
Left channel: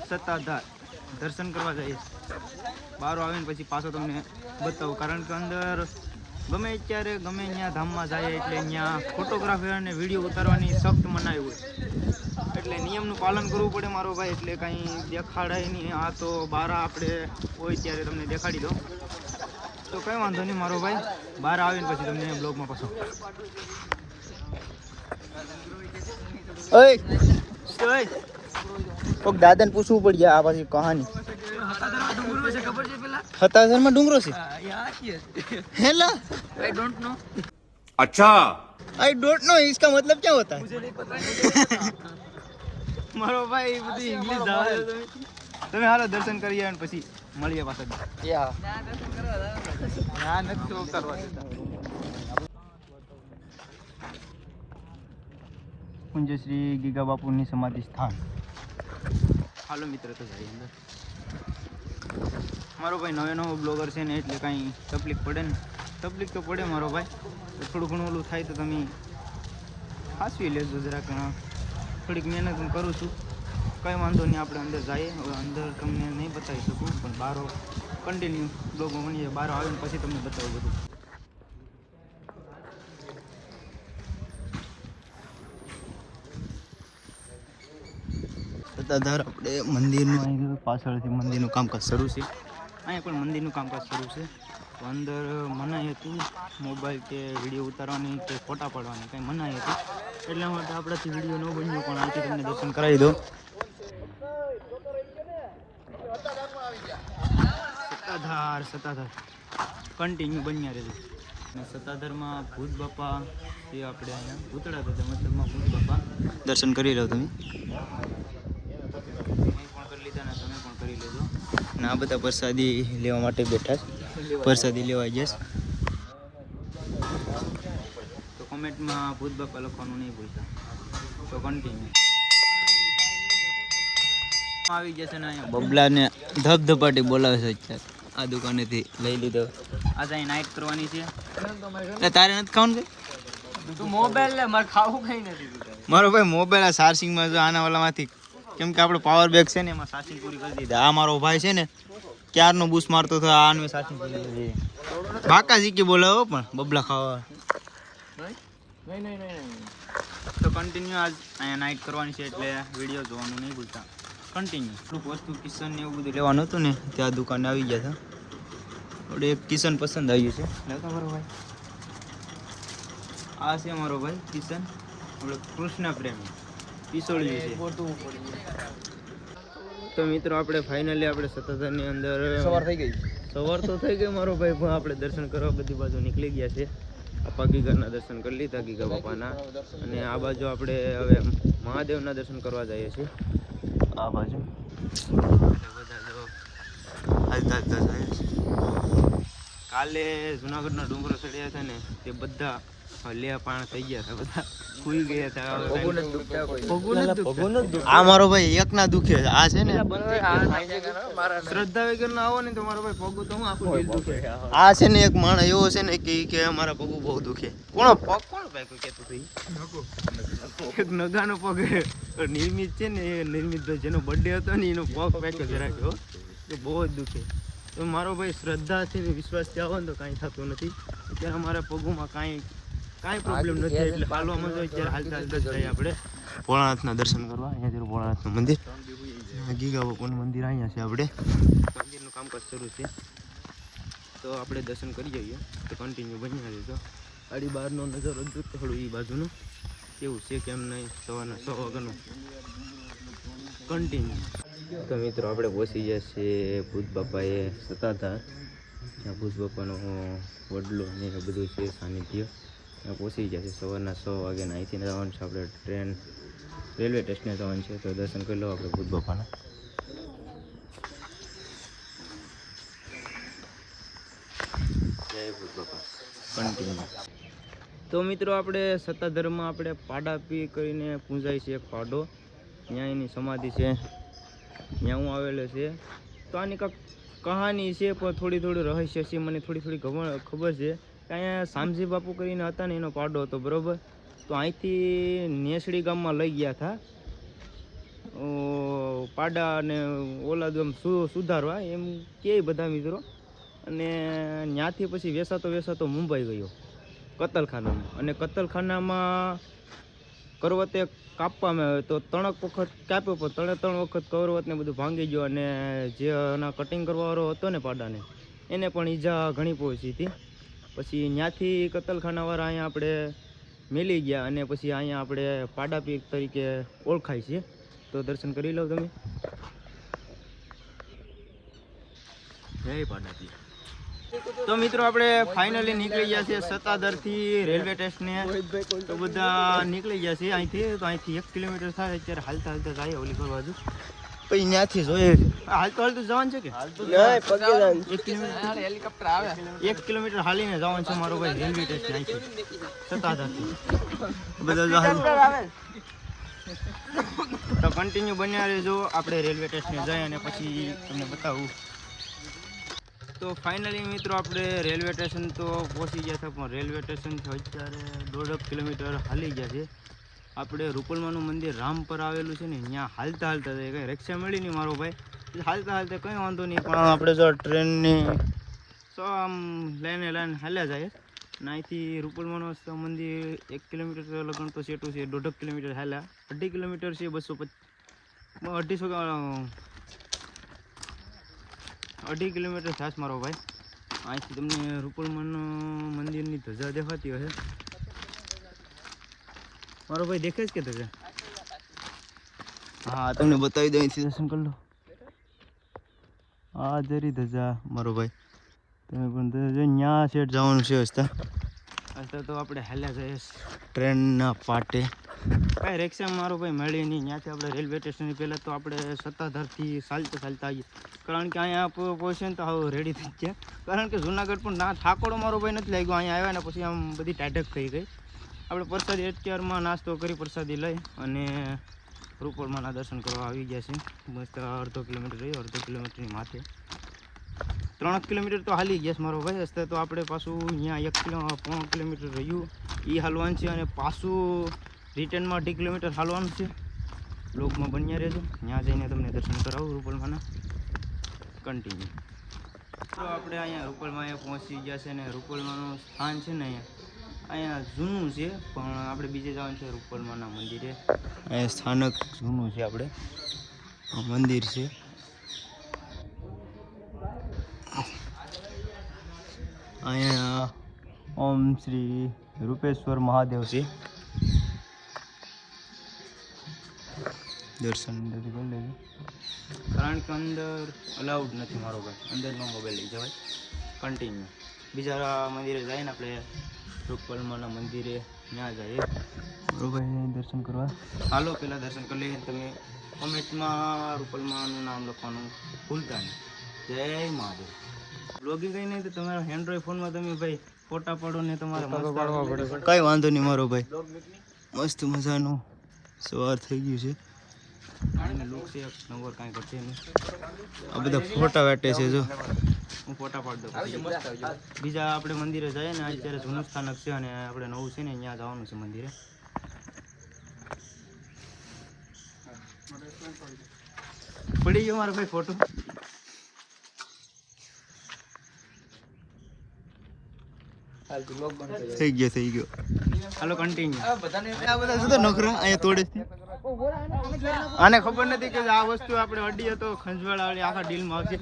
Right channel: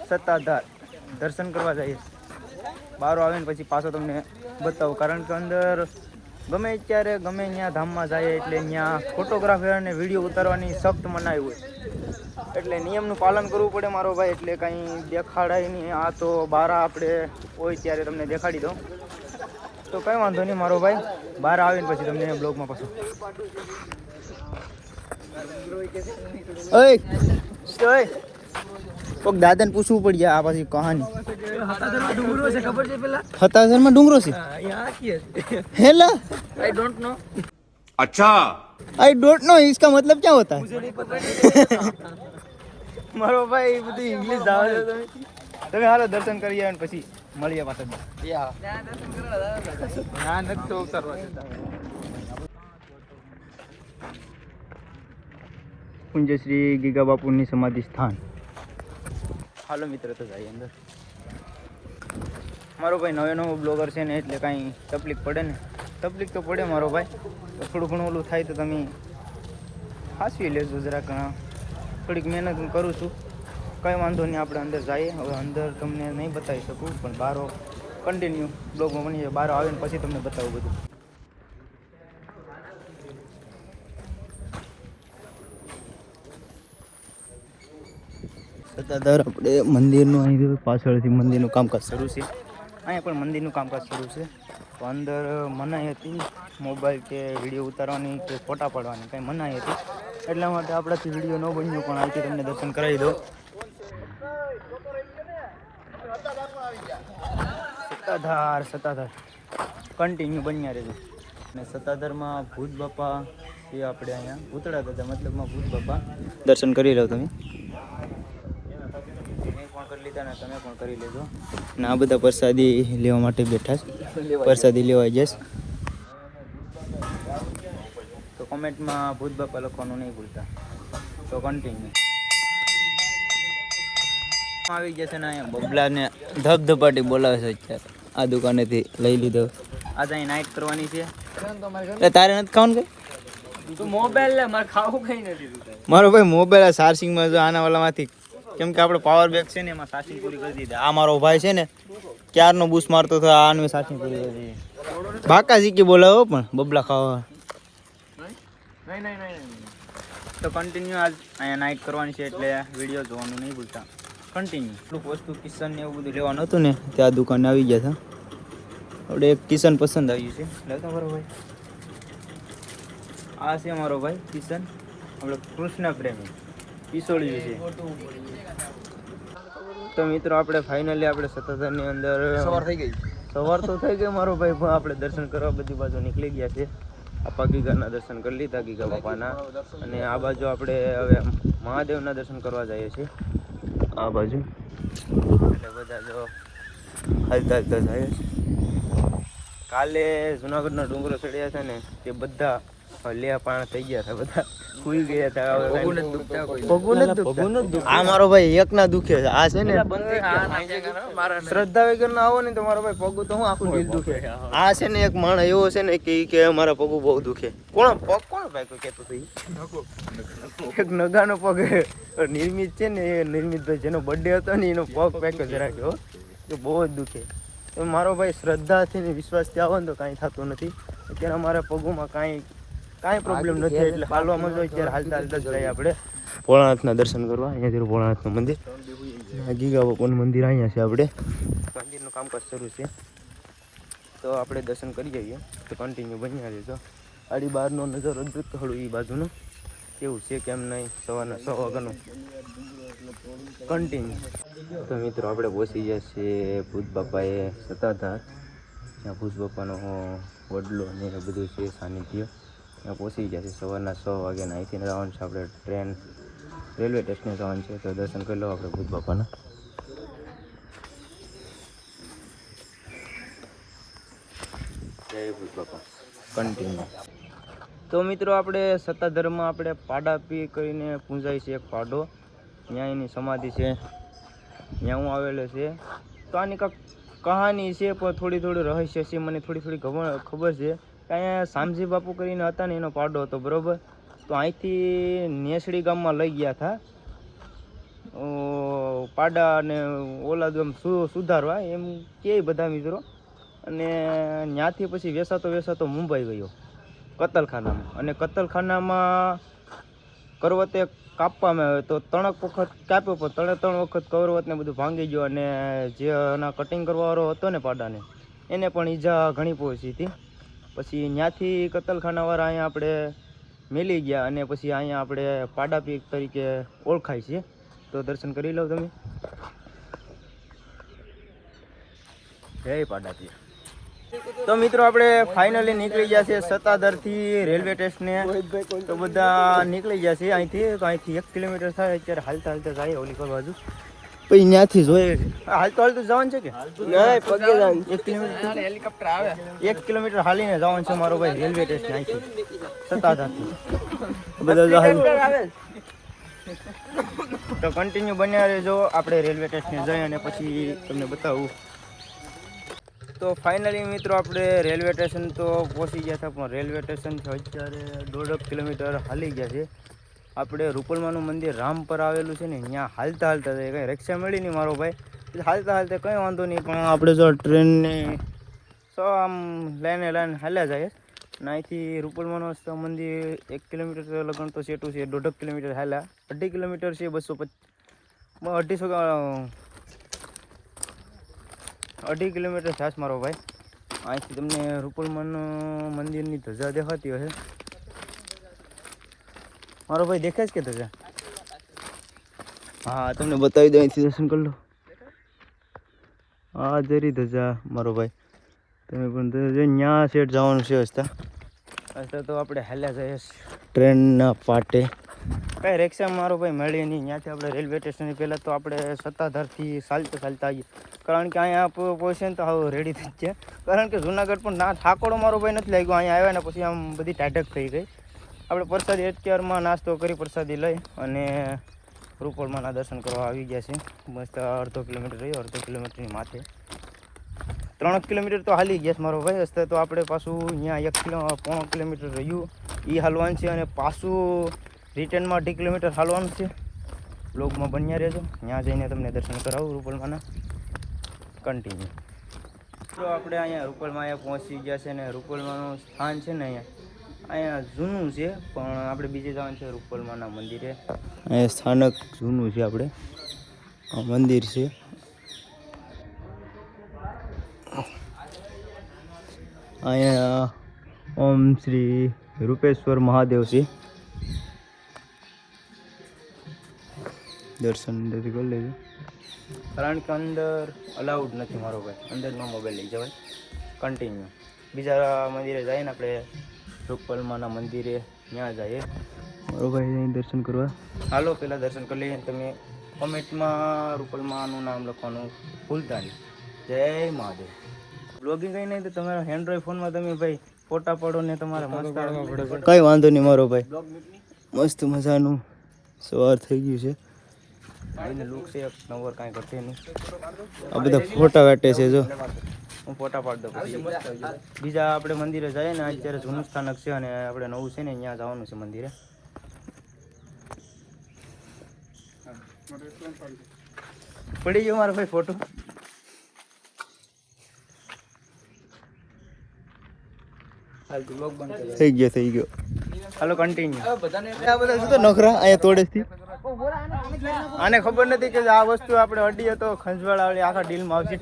સત્તાધાર દર્શન કરવા જઈએ છીએ. બહાર આવીને પછી પાછો તમને બતાવું, કારણ કે અંદર ગમે ત્યારે ગમે ત્યાં ધામમાં જાય એટલે ત્યાં ફોટોગ્રાફી અને વિડીયો ઉતારવાની સખ્ત મનાઈ હોય, એટલે નિયમનું પાલન કરવું પડે મારો ભાઈ. એટલે કંઈ દેખાડાય નહીં. આ તો બહાર આપણે હોય ત્યારે તમને દેખાડી દઉં તો કંઈ વાંધો નહીં મારો ભાઈ. બહાર આવીને પછી તમને બ્લોગમાં પાછો કોક દાદાને પૂછવું પડશે આ પાછી કહાની. ડુંગરો છે ખબર છે પેલા? હતાશનમાં ડુંગરો છે. यहाँ की है हेला आई डोंट नो. अच्छा, आई डोंट नो इसका मतलब क्या होता है? મારો ભાઈ બધી ઇંગ્લિશ જાવ છો તમે. હાલો દર્શન કરીએ અને પછી મળીએ પાછા. પુંજશ્રી ગીગા બાપુની સમાધિ સ્થાન. હાલો મિત્ર, તો જાય અંદર. મારો ભાઈ નવો બ્લોગર છે ને, એટલે કાંઈ તકલીફ પડે ને. તકલીફ તો પડે મારો ભાઈ, તો થોડું ઘણું ઓલું થાય તો તમે હાંસવી લેજો જરાક. થોડીક મહેનત હું કરું છું, કંઈ વાંધો નહીં. આપણે અંદર જઈએ. હવે અંદર તમને નહીં બતાવી શકું, પણ બહાર કન્ટિન્યુ બ્લોગમાં બની જાય. બહાર આવીને પછી તમને બતાવું બધું. સત્તાધાર આપણે મંદિરનું અહીં પાછળથી મંદિરનું કામકાજ શરૂ છે. અહીંયા પણ મંદિરનું કામકાજ શરૂ છે. તો અંદર મનાઈ હતી મોબાઈલ કે વિડીયો ઉતારવાની કે ફોટા પાડવાની, કંઈ મનાઈ હતી. એટલા માટે આપણાથી વિડીયો ન બન્યો, પણ અહીંથી તમને દર્શન કરાવી દો. સત્તાધાર કન્ટિન્યુ બન્યા રહેજો. અને સત્તાધારમાં ભૂત બાપા તે આપણે અહીંયા ભૂતળા દાદા મતલબમાં ભૂત બાપા દર્શન કરી લો તમે. કરી લીધા ને તમે પણ કરી લેજો. અને આ બધા પ્રસાદી લેવા માટે બેઠા છે. પ્રસાદી લેવા જઈશ તો કોમેન્ટમાં ભૂત બાપા લખવાનું નહીં ભૂલતા. તો કન્ટિન્યુ આવી જશે ને. અહીંયા બબલાને ધબધપાટી બોલાવે છે અત્યારે. આ દુકાનેથી લઈ લીધો. આજે અહીં નાઇટ કરવાની છે. તારે નથી ખાવાનું કઈ? તું મોબાઈલ લે, મારે ખાવું કઈ નથી. મારો ભાઈ મોબાઈલ આ ચાર્જિંગમાં જો આના વાલામાંથી, કેમ કે આપણે પાવર બેગ છે ને એમાં ચાર્જિંગ પૂરી કરી દીધી. આ મારો ભાઈ છે ને ક્યારનો બૂસ મારતો હતો, આનું ચાર્જિંગ પૂરી કરી દીધી. બાકા શીખી બોલાવો પણ બબલા ખાવા. નહીં. તો કન્ટિન્યુ આજ અહીંયા નાઇટ કરવાની છે, એટલે વિડીયો જોવાનું નહીં ભૂલતા. કન્ટિન્યુ થોડુંક વસ્તુ કિચન ને એવું બધું લેવાનું હતું ને, ત્યાં દુકાને આવી ગયા હતા. આપણે એક કિચન પસંદ આવ્યું છે. લેતો મારો ભાઈ. આ છે મારો ભાઈ કિચન. આપણે કૃષ્ણ પ્રેમી પિસોળ્યું છે. તો મિત્રો આપણે ફાઇનલી આપણે સત્તાધારની અંદર સવાર તો થઈ ગઈ મારો ભાઈ, પણ આપણે દર્શન કરવા બધી બાજુ નીકળી ગયા છે. આપા ગીગાના દર્શન કરી લીધા, ગીગા બાપાના. અને આ બાજુ આપણે હવે મહાદેવના દર્શન કરવા જઈએ છીએ. આ બાજુ એટલે બધા જો હાલતા જાય. કાલે જુનાગઢના ડુંગરો ચડ્યા હતા ને, તે બધા લે પાણ થઈ ગયા હતા, બધા સુઈ ગયા હતા. પગું નથી દુખતા. આ મારો ભાઈ એકના દુખે છે. આ છે ને શ્રદ્ધા વગર ના આવો ને તો મારો ભાઈ પગું તો હું આખું દિલ દુખે. આ છે ને એક માણસ એવો છે ને કે મારા પગું બહુ દુખે. કોણ ભાઈ કોઈ કહેતું હતું? એક નગાનો પગ નિર્મિત છે ને, એ નિર્મિતભાઈ જેનો બર્થડે હતો ને એનો પગ પેકેજ રાખ્યો તો બહુ જ દુખે. તો મારો ભાઈ શ્રદ્ધાથી ને વિશ્વાસથી આવો ને તો કાંઈ થતું નથી. અત્યારે અમારા પગોમાં કાંઈ પ્રોબ્લેમ નથી, એટલે હાલવામાં જો અત્યારે હાલતા હાલતા જ જઈએ આપણે ભોળાનાથના દર્શન કરવા. અહીંયાથી ભોળાનાથનું મંદિર, ગીગા બાપાનું મંદિર અહીંયા છે. આપણે મંદિરનું કામકાજ શરૂ છે તો આપણે દર્શન કરી જઈએ. તો કન્ટિન્યુ બન્યા રહેજો. આડી બહારનો નજારો જો થોડું એ બાજુનું કેવું છે કેમ નહીં, સવારના 6 વાગ્યાનું કન્ટિન્યુ. તો મિત્રો આપણે પહોંચી ગયા છીએ ભૂત બાપાએ સત્તાધાર, ત્યાં ભૂત બાપાનો વડલો ને એ બધું છે સાનિધ્ય. ત્યાં પહોંચી ગયા છે. સવારના 6 વાગ્યાના અહીંથી જવાનું છે આપણે ટ્રેન રેલવે સ્ટેશને જવાનું છે. તો દર્શન કરી લો આપણે ભૂત બાપાના. જય ભૂત બાપા કન્ટિન્યુ. તો મિત્રો આપણે સત્તાધારમાં આપણે પાડા પી કરીને પૂંજાય છે એક પાડો, ત્યાં એની સમાધિ છે, ત્યાં હું આવેલો છે. તો આની કાંઈક કહાની છે પણ થોડી રહસ્ય છે, મને થોડી ખબર છે. અહીંયા શામજી બાપુ કરીને હતા ને એનો પાડો હતો, બરાબર. તો અહીંથી નેસડી ગામમાં લઈ ગયા હતા પાડા અને ઓલાદ આમ સુધારવા એમ કે બધા મિત્રો. અને ત્યાંથી પછી વેસાતો મુંબઈ ગયો કતલખાનામાં. અને કતલખાનામાં કરવતે કાપવામાં આવ્યો તો 3 વખત કાપ્યો, પણ 3 વખત કરવતને બધું ભાંગી ગયો. અને જે એના કટિંગ કરવાવાળો હતો ને પાડાને, એને પણ ઈજા ઘણી પહોંચી હતી. પછી ત્યાંથી કતલખાનાવાળા અહીંયા આપણે મેલી ગયા અને પછી અહીંયા આપણે પાડાપીર તરીકે ઓળખાય છે. તો દર્શન કરી લો તમે. જય પાડાપીર. તો મિત્રો આપણે ફાઇનલી નીકળી ગયા છે સત્તાધારથી રેલવે સ્ટેશને. તો બધા નીકળી ગયા છે અહીંથી. તો અહીંથી 1 કિલોમીટર થાય. અત્યારે હાલતા જાય ઓલી પર બાજુ, પછી ત્યાંથી જોઈએ હાલતું જવાનું છે કે 1 કિલોમીટર હેલિકોપ્ટર આવે, 1 કિલોમીટર હાલીને જવાનું છે મારો ભાઈ રેલવે સ્ટેશન અહીંથી સત્તાધારથી. બધા તો કન્ટિન્યુ બન્યા રહેજો. આપણે રેલવે સ્ટેશને જઈએ અને પછી તમને બતાવું. તો ફાઇનલી મિત્રો આપણે રેલવે સ્ટેશન તો પહોંચી ગયા હતા, પણ રેલવે સ્ટેશનથી અત્યારે 1.5 કિલોમીટર હાલી ગયા છે. આપણે રૂપલમાનું મંદિર રામ પર આવેલું છે ને, ત્યાં હાલતા જાય. કંઈ રિક્ષા મળી નહીં મારો ભાઈ, હાલતા કંઈ વાંધો નહીં. પણ આપણે જો ટ્રેનની આમ લાઈને હાલ્યા જાય. અને અહીંથી રૂપલમાનું મંદિર 1 કિલોમીટર લગન તો સેટું છે, 1.5 કિલોમીટર હાલ્યા, 2.5 કિલોમીટર છે, 2.5 કિલોમીટર થાય મારો ભાઈ. અહીંથી તમને રૂપલમાનું મંદિરની ધજા દેખાતી હશે મારો ભાઈ, દેખાય છે કે ધજા? હા તમને બતાવી દો, અહીંથી દર્શન કરી લો. હા જરી ધજા મારો ભાઈ, તમે પણ ત્યાં સેટ જવાનું છે. હસતા તો આપણે હાલ્યા જઈએ ટ્રેનના પાટે. કાંઈ રિક્ષા મારો ભાઈ મળી નહીં. ત્યાંથી આપણે રેલવે સ્ટેશનની પહેલાં તો આપણે સત્તાધારથી ચાલતા આવીએ, કારણ કે અહીંયા પહોંચે ને તો હવે રેડી થઈ ગયા. કારણ કે જુનાગઢ પણ ના થાકોડો મારો ભાઈ નથી લાગ્યો. અહીંયા આવ્યા ને પછી આમ બધી ટાઢક થઈ ગઈ. આપણે પ્રસાદી અત્યારમાં નાસ્તો કરી પ્રસાદી લઈ અને રૂપલમાના દર્શન કરવા આવી ગયા છે. મસ્ત 1/2 કિલોમીટર રહ્યો, 1/2 કિલોમીટરની માથે 3 કિલોમીટર તો હાલી ગયા મારો ભાઈ. રસ્તે તો આપણે પાછું અહીંયા 1.5 કિલોમીટર રહ્યું એ હાલવાનું છે, અને પાછું રિટર્નમાં 2 કિલોમીટર હાલવાનું છે. બ્લોગમાં બન્યા રહેજો, ત્યાં જઈને તમને દર્શન કરાવું રૂપલમાના કન્ટિન્યુ. તો આપણે અહીંયા રૂપલમાં પહોંચી ગયા છે, ને રૂપલમાનું સ્થાન છે ને અહીંયા જૂનું છે, પણ આપણે બીજે જવાનું છે રૂપલમાના મંદિરે. અહીંયા સ્થાનક જૂનું છે, આપણે આ મંદિર છે. અહીંયા ઓમ શ્રી રૂપેશ્વર મહાદેવ છે. દર્શન કરી લેજો, કારણ કે અંદર અલાઉડ નથી મારો ભાઈ, અંદર નો મોબાઈલ લઈ જવાય. કન્ટિન્યુ બીજા મંદિરે જઈએ ને આપણે રૂપલમાના મંદિરે, ત્યાં જઈએ મારો ભાઈ દર્શન કરવા. હાલો પહેલાં દર્શન કરી લઈએ. તમે કોમેન્ટમાં રૂપલમાનું નામ લખવાનું ભૂલતા નહીં. જય મહાદેવ. બ્લોગિંગ કંઈ નહીં તો તમારા એન્ડ્રોઈડ ફોનમાં તમે ભાઈ ફોટા પાડો ને તમારે મસ્ત કંઈ વાંધો નહીં મારો ભાઈ. મસ્ત મજાનું સવાર થઈ ગયું છે. એને લુક છે એક નંબર, કાંઈ કરશે નહીં. આ બધા ફોટા વાટે છે, જો હું ફોટા પાડી દઉં. પછી બીજા આપણે મંદિરે જઈએ ને, અત્યારે જૂનું સ્થાનક છે અને આપણે નવું છે ને અહીંયા જવાનું છે મંદિરે. પડી ગયો મારો ભાઈ ફોટો. થઈ ગયો. હાલો કન્ટિન્યુ. આ બધા શું તો નખરા અહીંયા તોડેથી. આને ખબર નથી કે આ વસ્તુ આપણે અડીએ તો ખંજવાળા વાળી આખા ડીલમાં આવશે.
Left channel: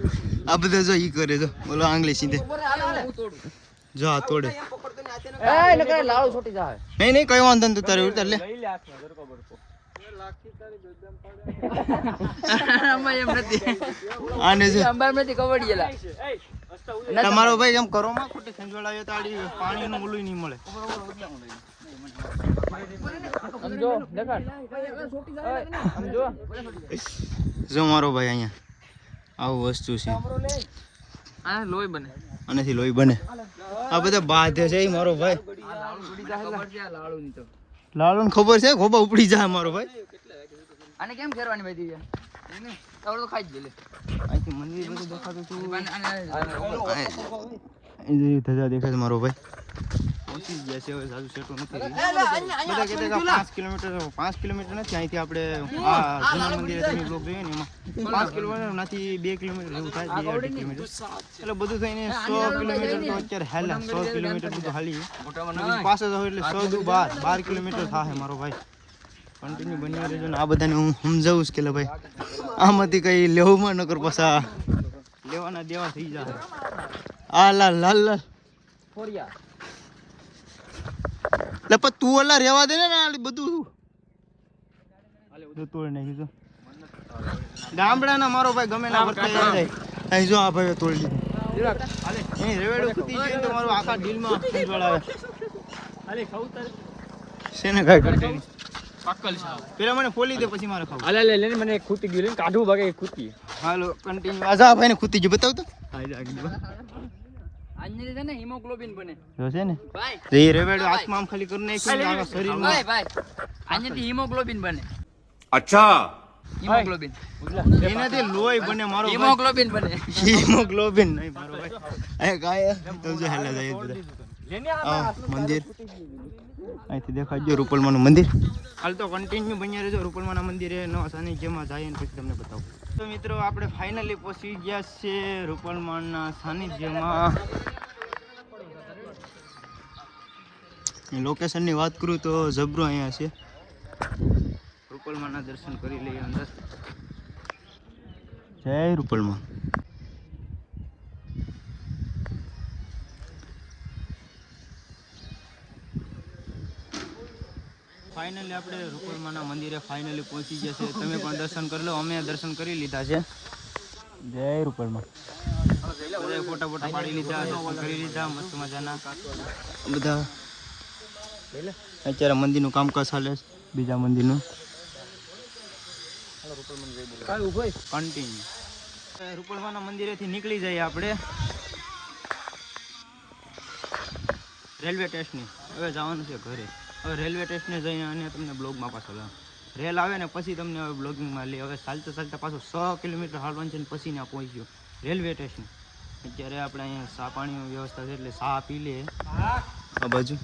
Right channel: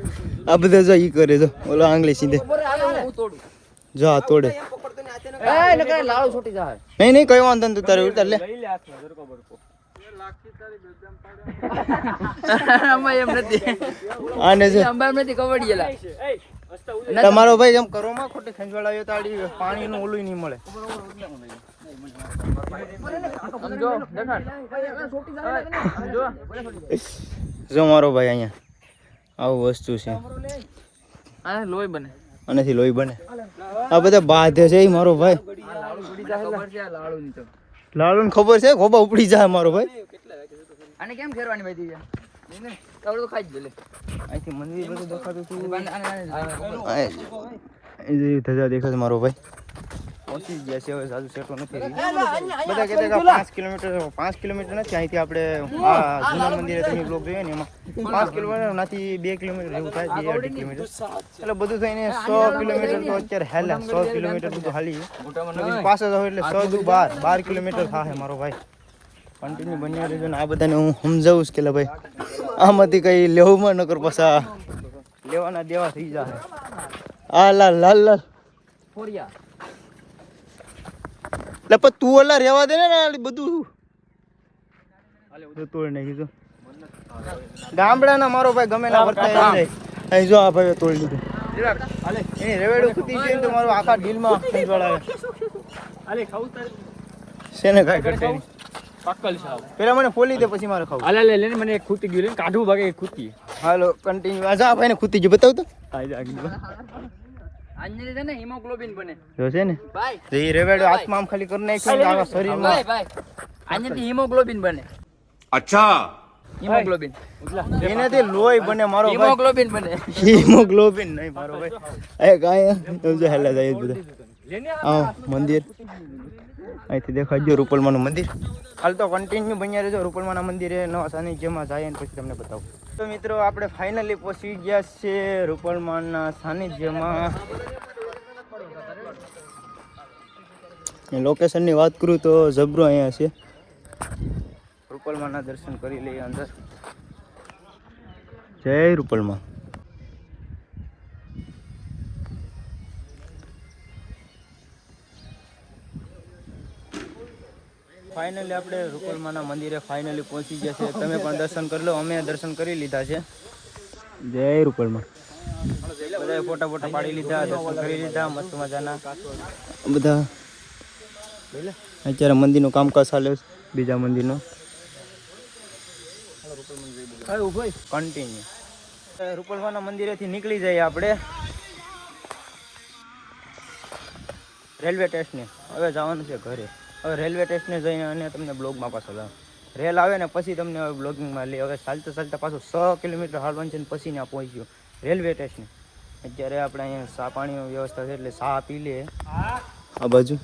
આ બધા જો ઈ કરે જો ઓલો આંગળી સીધે જો આ તોડે. નહીં કઈ વાંધો નથી તારે ઉતાર લે. આને છે તમારો ભાઈ એમ કરો માં ખોટી ખંજવાળા તાડી પાણીનું ઓલું નહીં મળે. જો મારો ભાઈ અહીંયા આવું વસ્તુ છે લોહી બને આનાથી લોહી બને. આ બધા બાધે છે મારો ભાઈ. લાડુ ને ખબર છે ખોબા ઉપડી જાય મારો ભાઈ. આને કેમ કરવાની ભાઈ તો ખાઈ જ લે. અહીંથી મંદિર બધું દેખાતું હતું. ધજા દેખાય મારો ભાઈ. પહોંચી ગયા છે હવે સાજુ સેટો નથી રહ્યું. બધા કહેતા કે 5 કિલોમીટર નથી અહીંથી આપણે આ જૂના મંદિરે તમે બ્લોગ જોઈએ ને એમાં 5 કિલોમીટર નથી 2 કિલોમીટર જેવું થાય 2-2.5 કિલોમીટર એટલે બધું થઈને 100 કિલોમીટર તો અત્યારે હાલે 100 કિલોમીટર બધું હાલી પાસે જાવ એટલે 12 કિલોમીટર થાય મારો ભાઈ. કન્ટિન્યુ બન્યા રહેજો ને આ બધાને હું સમજાવું કે ભાઈ આમાંથી કઈ લેવું નકર પસા લેવાના દેવા થઈ જાય. આ લાલ લપત તું ઓલા રેવા દે ને બધું તોડ નાખી. ગામડાના મારો ભાઈ ગમે ના વર્તાય અહીં જો આ ભાઈ તોડી લીધું. એ રેવેડું ખૂટી જોઈને તો મારું આખા ઢીલમાં ખંજવાળ આવે છે ને કઈ ઘટે નહીં. પાકલ છે પેલા મને ફોલી દે પછી મારે ખાવું. હાલે લે મને એક ખૂટી ગયું લે કાઢું ભાગે ખૂટી. હાલો કન્ટિન્યુ. આ જા ભાઈને ખૂટી ગયું બતાવ તો. આંજલી છે ને હિમોગ્લોબિન બને જો છે ને ભાઈ એ રેવેડો આત્મા આમ ખાલી કરી નાખ્યું ને આખા શરીરમાં ભાઈ આંજલી હિમોગ્લોબિન બને. अच्छा હિમોગ્લોબિન એનાથી લોહી બને મારો ભાઈ. હિમોગ્લોબિન બને. હિમોગ્લોબિન નહીં મારો ભાઈ. એ કાંઈ સમજો હેલા જાય બધું. આ મંદિર અહીંથી દેખાડજો રૂપલમાનું મંદિર. હાલ તો કન્ટિન્યુ બન્યા રહેજો. રૂપલમાના મંદિરે નવા સાનિધ્યમાં જાય ને પછી તમને બતાવું. તો મિત્રો આપણે ફાઇનલી પહોંચી ગયા છે રૂપલમાના સાનિધ્યમાં. લોકેશનની વાત કરું તો જબરો અહીંયા છે. રૂપલમાના દર્શન કરી લઈએ અંદર. જય રૂપલમાં. ફાઇનલી આપણે રૂપલમાના મંદિરે ફાઇનલી પહોંચી ગયા છે. તમે પણ દર્શન કરી લો. અમે દર્શન કરી લીધા છે. જય રૂપલમાં. બધાએ ફોટા પાડી લીધા, દર્શન કરી લીધા મસ્ત મજાના. બધા અત્યારે મંદિરનું કામકાજ ચાલે છે. બીજા મંદિરનો કન્ટિન્યુ. રૂપલમાના મંદિરેથી નીકળી જઈએ આપણે રેલવે સ્ટેશને. હવે જવાનું છે ઘરે. હવે રેલવે સ્ટેશને જઈને અને તમને બ્લોગમાં પાછો લાવ. રેલ આવે ને પછી તમને હવે બ્લોગિંગમાં લે. હવે ચાલતા પાછું 100 કિલોમીટર હાલવાનું છે ને પછી ત્યાં પહોંચ્યું રેલવે સ્ટેશન. અત્યારે આપણે અહીંયા ચા પાણીની વ્યવસ્થા છે એટલે ચા પી લે આ બાજુ.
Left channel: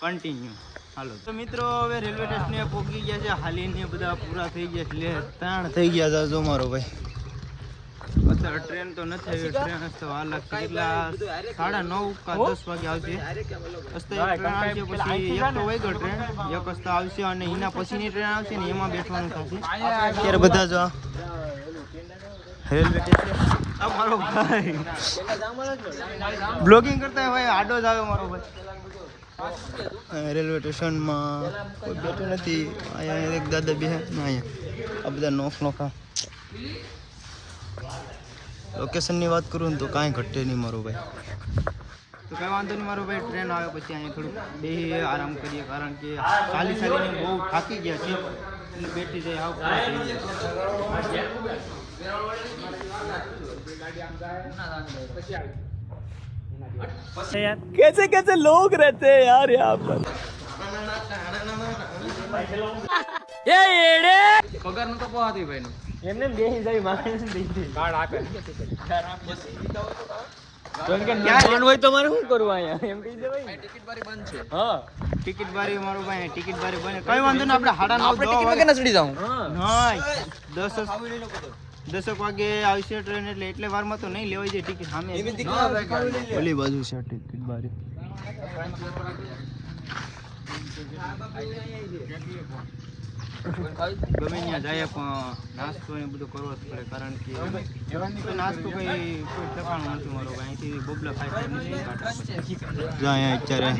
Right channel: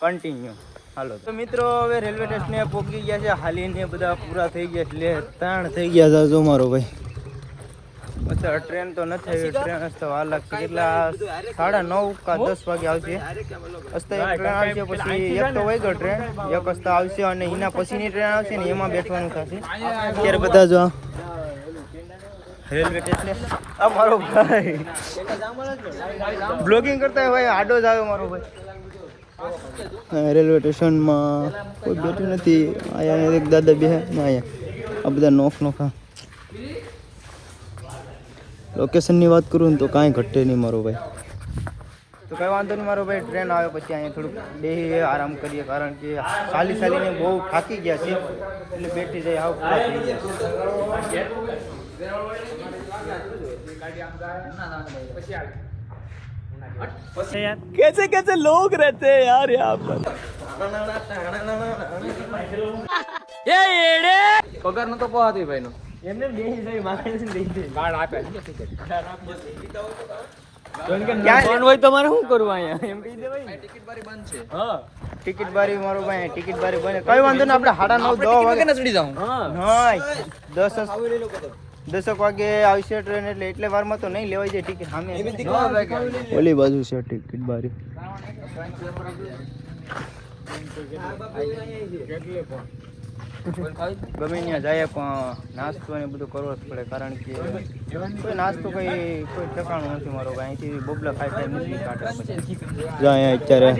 કન્ટિન્યુ હાલો. તો મિત્રો હવે રેલવે સ્ટેશને પહોંચી ગયા છે. હાલીને બધા પૂરા થઈ ગયા એટલે 3 થઈ ગયા છે. જો મારો ભાઈ અત્યારે ટ્રેન તો નથી આવી. ટ્રેન તો વાર લાગશે. કેટલા 9:30 કે 10 વાગે આવશે. એક ટ્રેન આવશે પછી એક તો વહી ગયો ટ્રેન. એક રસ્તા આવશે અને એના પછીની ટ્રેન આવશે ને એમાં બેઠવાનું થશે. અત્યારે બધા જો રેલવે સ્ટેશન. આ મારો ભાઈ બ્લોગિંગ કરતા હોય ભાઈ આડો જ આવે મારો ભાઈ. રેલવે સ્ટેશનમાં કોઈ બેઠું નથી. અહીંયા એક દાદા બે ના અહીંયા આ બધા નોખ લોકેશનની વાત કરું ને તો કાંઈ ઘટે નહીં મારો ભાઈ. તો કંઈ વાંધો નહીં મારો ભાઈ. ટ્રેન આવે પછી અહીંયા થોડુંક બેસીએ આરામ કરીએ કારણ કે ચાલીને બહુ થાકી ગયા છે એટલે બેઠી જાય હાવ પૂરા થઈ ગયા છે. कैसे लोग रहते हैं यार यहाँ पर. પગાર નો તો પહોંચી ભાઈ નો એમને બેસી જાય મારે દઈ દે. ફોન હોય તો મારે શું કરવું અહીંયા એમ કહી દેવાય ટિકિટ બારી બંધ છે હા ટિકિટ બારી મારો ભાઈ ટિકિટ બારી બને કઈ વાંધો નહીં આપણે 9:30 10 વાગે ચડી જાઉં નહીં 10 વાગે આવશે ટ્રેન એટલે વારમાં તો નહીં લેવાય જાય ટિકિટ સામે ઓલી બાજુ છે ટિકિટ બારી ગમે ત્યાં જાય પણ નાસ્તો ને બધું કરવો જ પડે કારણ કે કોઈ નાસ્તો કોઈ ઠેકાણું નથી મારો ભાઈ અહીંથી બોબલા ખાઈ નથી કાઢવા પછી અહીંયા અત્યારે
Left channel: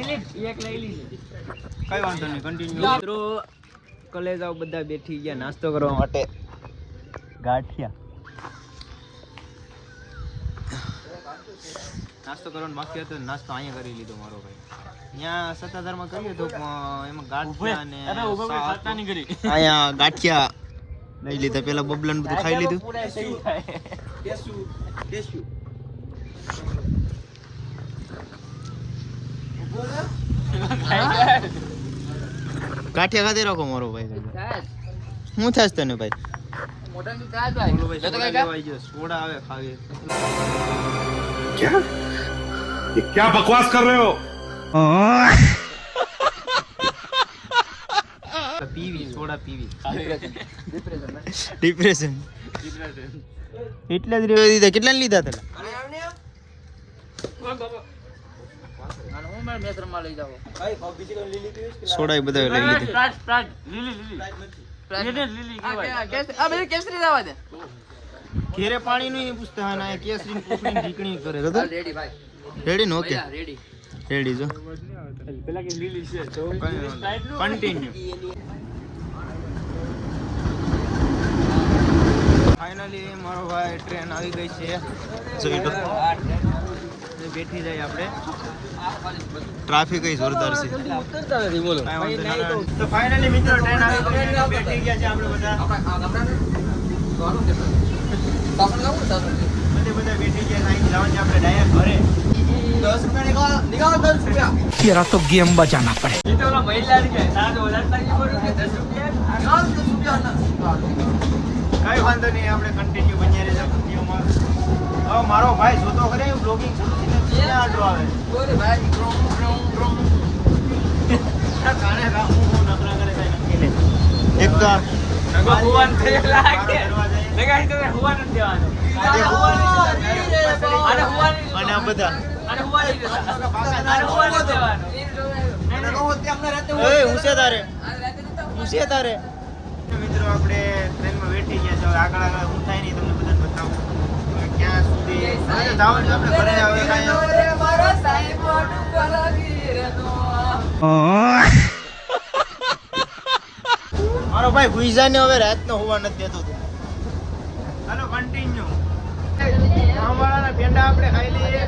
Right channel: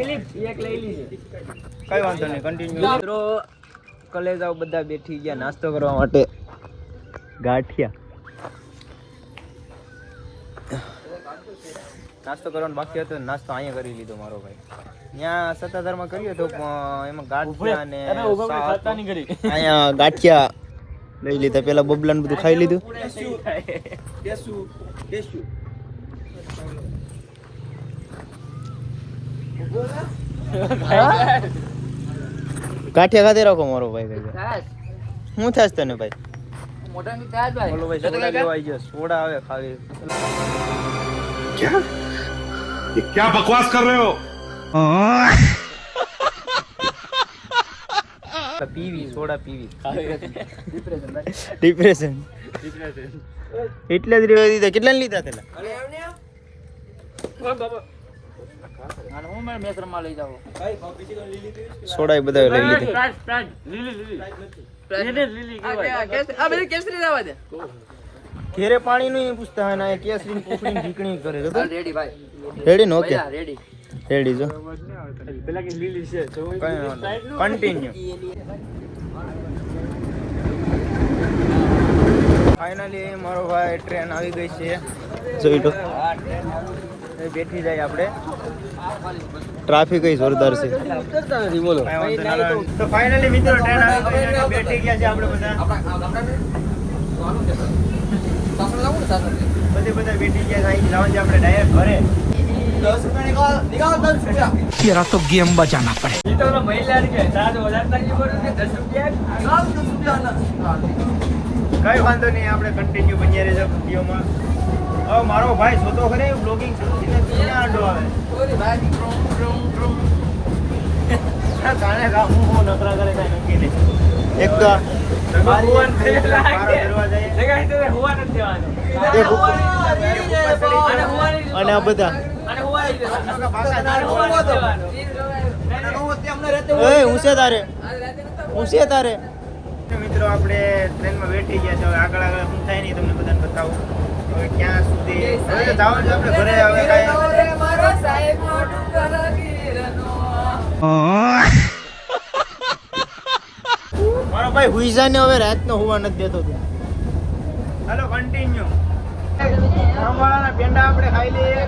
કઈ વાંધો નહીં કન્ટિન્યુ મિત્રો કલેજાઓ બધા બેઠી ગયા નાસ્તો કરવા માટે ગાંઠિયા નાસ્તો કરવાનો બાકી હતો નાસ્તો અહીંયા કરી લીધો મારો ભાઈ ત્યાં સત્તાધારમાં કર્યો હતો પણ એમાં ગાંઠિયા અને અહીંયા ગાંઠિયા લઈ લીધા પેલા બબલા બધું ખાઈ લીધું ગાંઠિયા ખાતે રાખો મારો ભાઈ શું થાશ તને ભાઈ બોલો ભાઈ સોડા લેવા આવી ગયો સોડા આવે ખાવી क्या ये क्या बकवास कर रहे हो પીવી સોડા પીવી ડિપ્રેશન એટલે જ રેવા દીધા કેટલા લીધા તલા સોડા એ બધા લઈ લીધા ઘેરે પાણી નું પૂછતા હોય ને કેસરી પૂછડી ઢીકણી કરે તો રેડી નો ઓકે રેડી જો પેલા કે લીલી છે કન્ટિન્યુ ફાઇનલી મારો ભાઈ ટ્રેન આવી ગઈ છે જોઈ તો બેઠી જાય આપણે ટ્રાફિક કઈ જોરદાર છે તો ફાઇનલી મિત્રો ટ્રેન આવી ગઈ અને બેઠી ગયા છે આપણે બધા બધા બેઠી ગયા અહીં જવાનું છે આપણે ડાયરેક્ટ ઘરે तेरा तो गेम बजाना पड़े કઈ વાંધો નહીં આપણે કન્ટિન્યુ બન્યા રહેશે વિડીયોમાં હવે મારો ભાઈ જોતો કરે બ્લોગિંગ શરૂ થઈને આડો આવે કાણે કા હું નકરા કરે કાઈ નક્કી નહીં એક તો અને આ બધા મિત્રો આપણે ટ્રેનમાં બેઠી ગયા છે હવે આગળ આગળ શું થાય નહીં તમને બધાને બતાવું હવે ક્યાં સુધી હવે તો જવાનું છે આપણે ઘરે હવે કાંઈ મારો ભાઈ હુઈસાને હવે રાતનો હોવા નથી દેતો તું હાલો કન્ટિન્યુ ધર્મવાળાના પેંડા આપણે ખાઈ લઈએ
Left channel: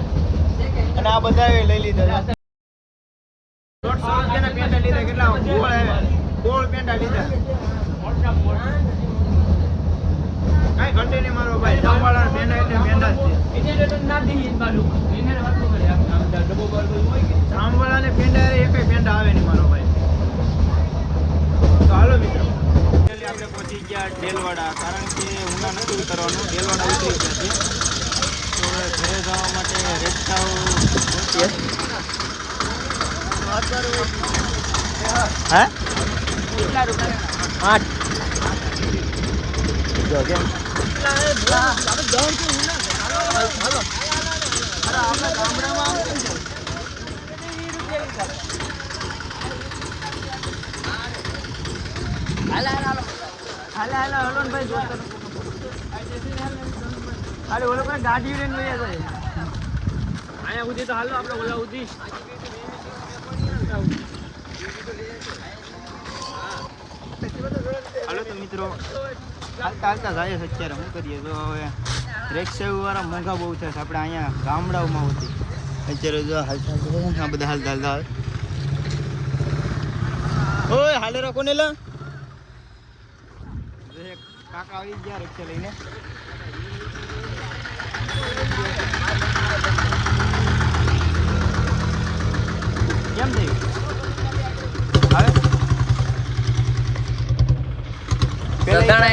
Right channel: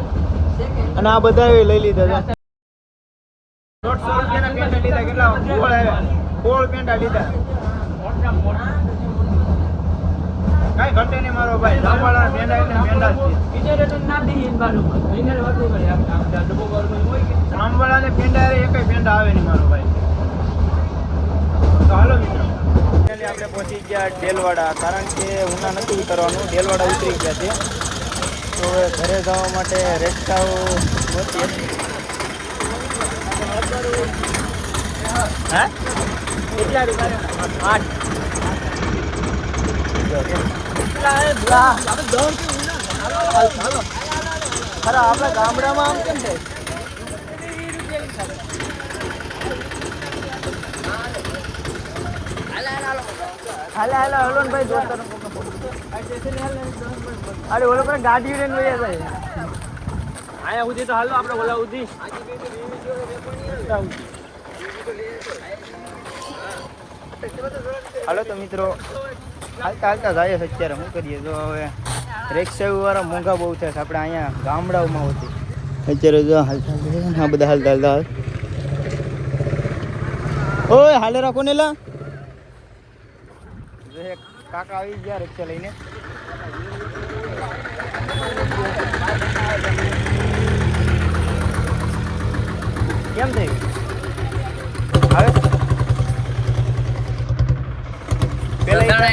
અને આ બધા લઈ લીધા છે 150 રૂપિયાના પેંડા લીધા કેટલા ગોળ આવ્યા ગોળ પેંડા લીધા કઈ ઘટે નહીં મારો ભાઈ ધર્મવાળાના પેંડા એટલે પેંડા જ છે ધર્મવાળાને પેંડા એકય પેંડા આવે નહીં મારો ભાઈ તો હાલો મિત્રો આપણે પહોંચી ગયા ડેલવાડા કારણ કે ઉના નથી ઉતરવાનું ડેલવાડા ઉતરી ગયા છે તો હવે ઘરે જવા માટે રસ્તાઓ પહોંચીએ હા કેટલા રૂપિયા 8 આપણા ગામડામાં આમ કેમ થાય હાલો હલો ને ભાઈ દોસ્તો અરે ઓલો પણ ગાડી લઈને વયા જાય આયા ઉધી તો હાલો આપણે ઓલા ઉધી હાલો તો મિત્રો હાલતા હાલતા જાય છે અત્યારે શું કરીએ તો હવે રિક્ષા વાળા મોંઘા બહુ થશે આપણે અહીંયા ગામડાઓમાં હોતી અત્યારે જો હા બધા હાલતા હાલતા ઓય હાલે રાખો ને લા કાકા આવી ગયા રિક્ષા લઈને કેમ થઈ આવે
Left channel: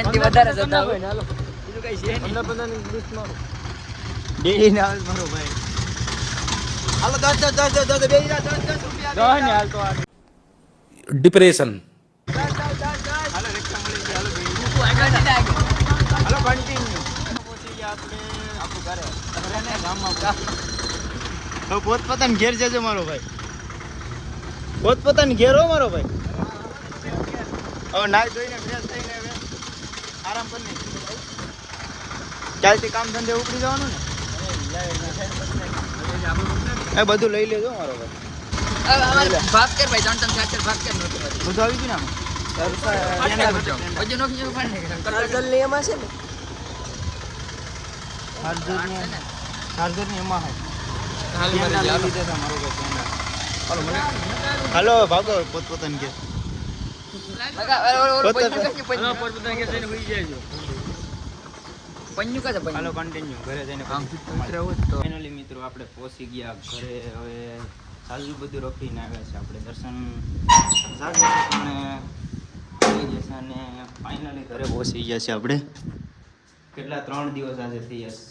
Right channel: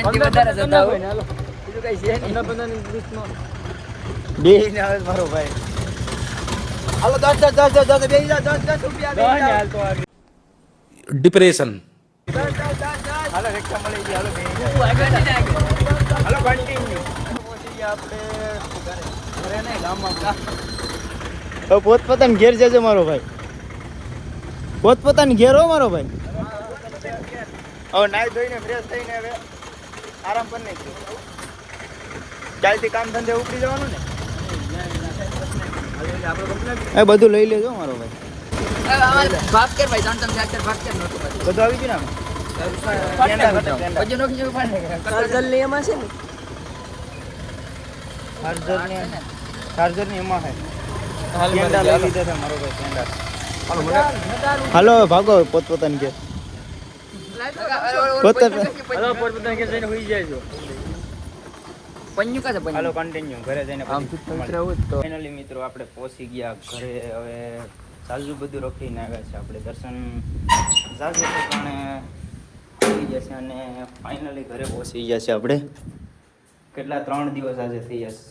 બીજું કઈ છે નહીં બે આવે મારો ભાઈ હાલો 10 બેસી જાઓ, 10 રૂપિયા બેસી જાઓ. હાલ તો આગળ. डिप्रेशन હાલો રિક્ષા મળી ગઈ, હાલો બેસી જાઓ. હાલો કન્ટિન્યુ. પહોંચી ગયા આપણે ઘરે નહીં, ગામમાં. હવે પોતપોતાને ઘેર જજો મારો ભાઈ, પોતપોતાને ઘેર હો મારો ભાઈ. હવે નાઈ ધોઈને ફ્રેશ થઈને હવે આરામ કરી નાખજો. કાલથી કામ ધંધે ઉપડી જવાનું ને. એ બધું લઈ લેજો મારો ભાઈ. बात कर भाई डोंट बात कर બધું આવી ગયું ને ચાર્જર ની એમાં હે કેન્ડા લઈ લીધા છે મારો ભાઈ કેન્ડા. હાલો ભાગો પોતપોતાને ઘેર. હાલો પોતપોતાના ઘેર જઈને હુઈ જાયજો. पन्नू का હાલો કન્ટિન્યુ ઘરે જઈને ફાઇનલી મિત્રો આપણે પહોંચી ગયા ઘરે. હવે સાજુ બધું રખીને આવ્યા છે આપણે. દર્શન જાગે છે પણ થઈ જશે અને ફાઇનલી ઘરે પહોંચી ગયા છે આપણે. કેટલા 3 દિવસ આજે થઈ જશે.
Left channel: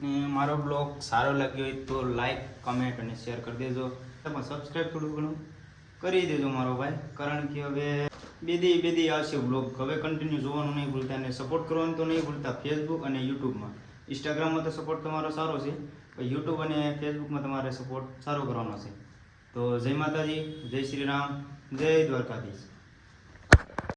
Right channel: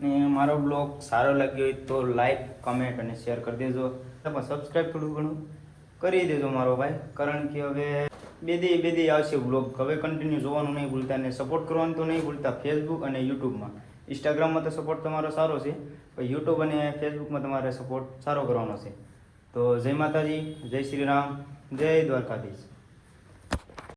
ને મારો બ્લોગ સારો લાગ્યો હોય તો લાઈક કમેન્ટ અને શેર કરી દેજો. પણ સબસ્ક્રાઈબ થોડું ઘણું કરી દેજો મારો ભાઈ, કારણ કે હવે બે દી આવશે બ્લોગ. હવે કન્ટિન્યુ જોવાનું નહીં ભૂલતા અને સપોર્ટ કરવાનું તો નહીં ભૂલતા. ફેસબુક અને યુટ્યુબમાં. ઇન્સ્ટાગ્રામમાં તો સપોર્ટ તમારો સારો છે, પણ યુટ્યુબ અને ફેસબુકમાં તમારે સપોર્ટ સારો કરવાનો છે. તો જય માતાજી, જય શ્રી રામ, જય દ્વારકાધીશ.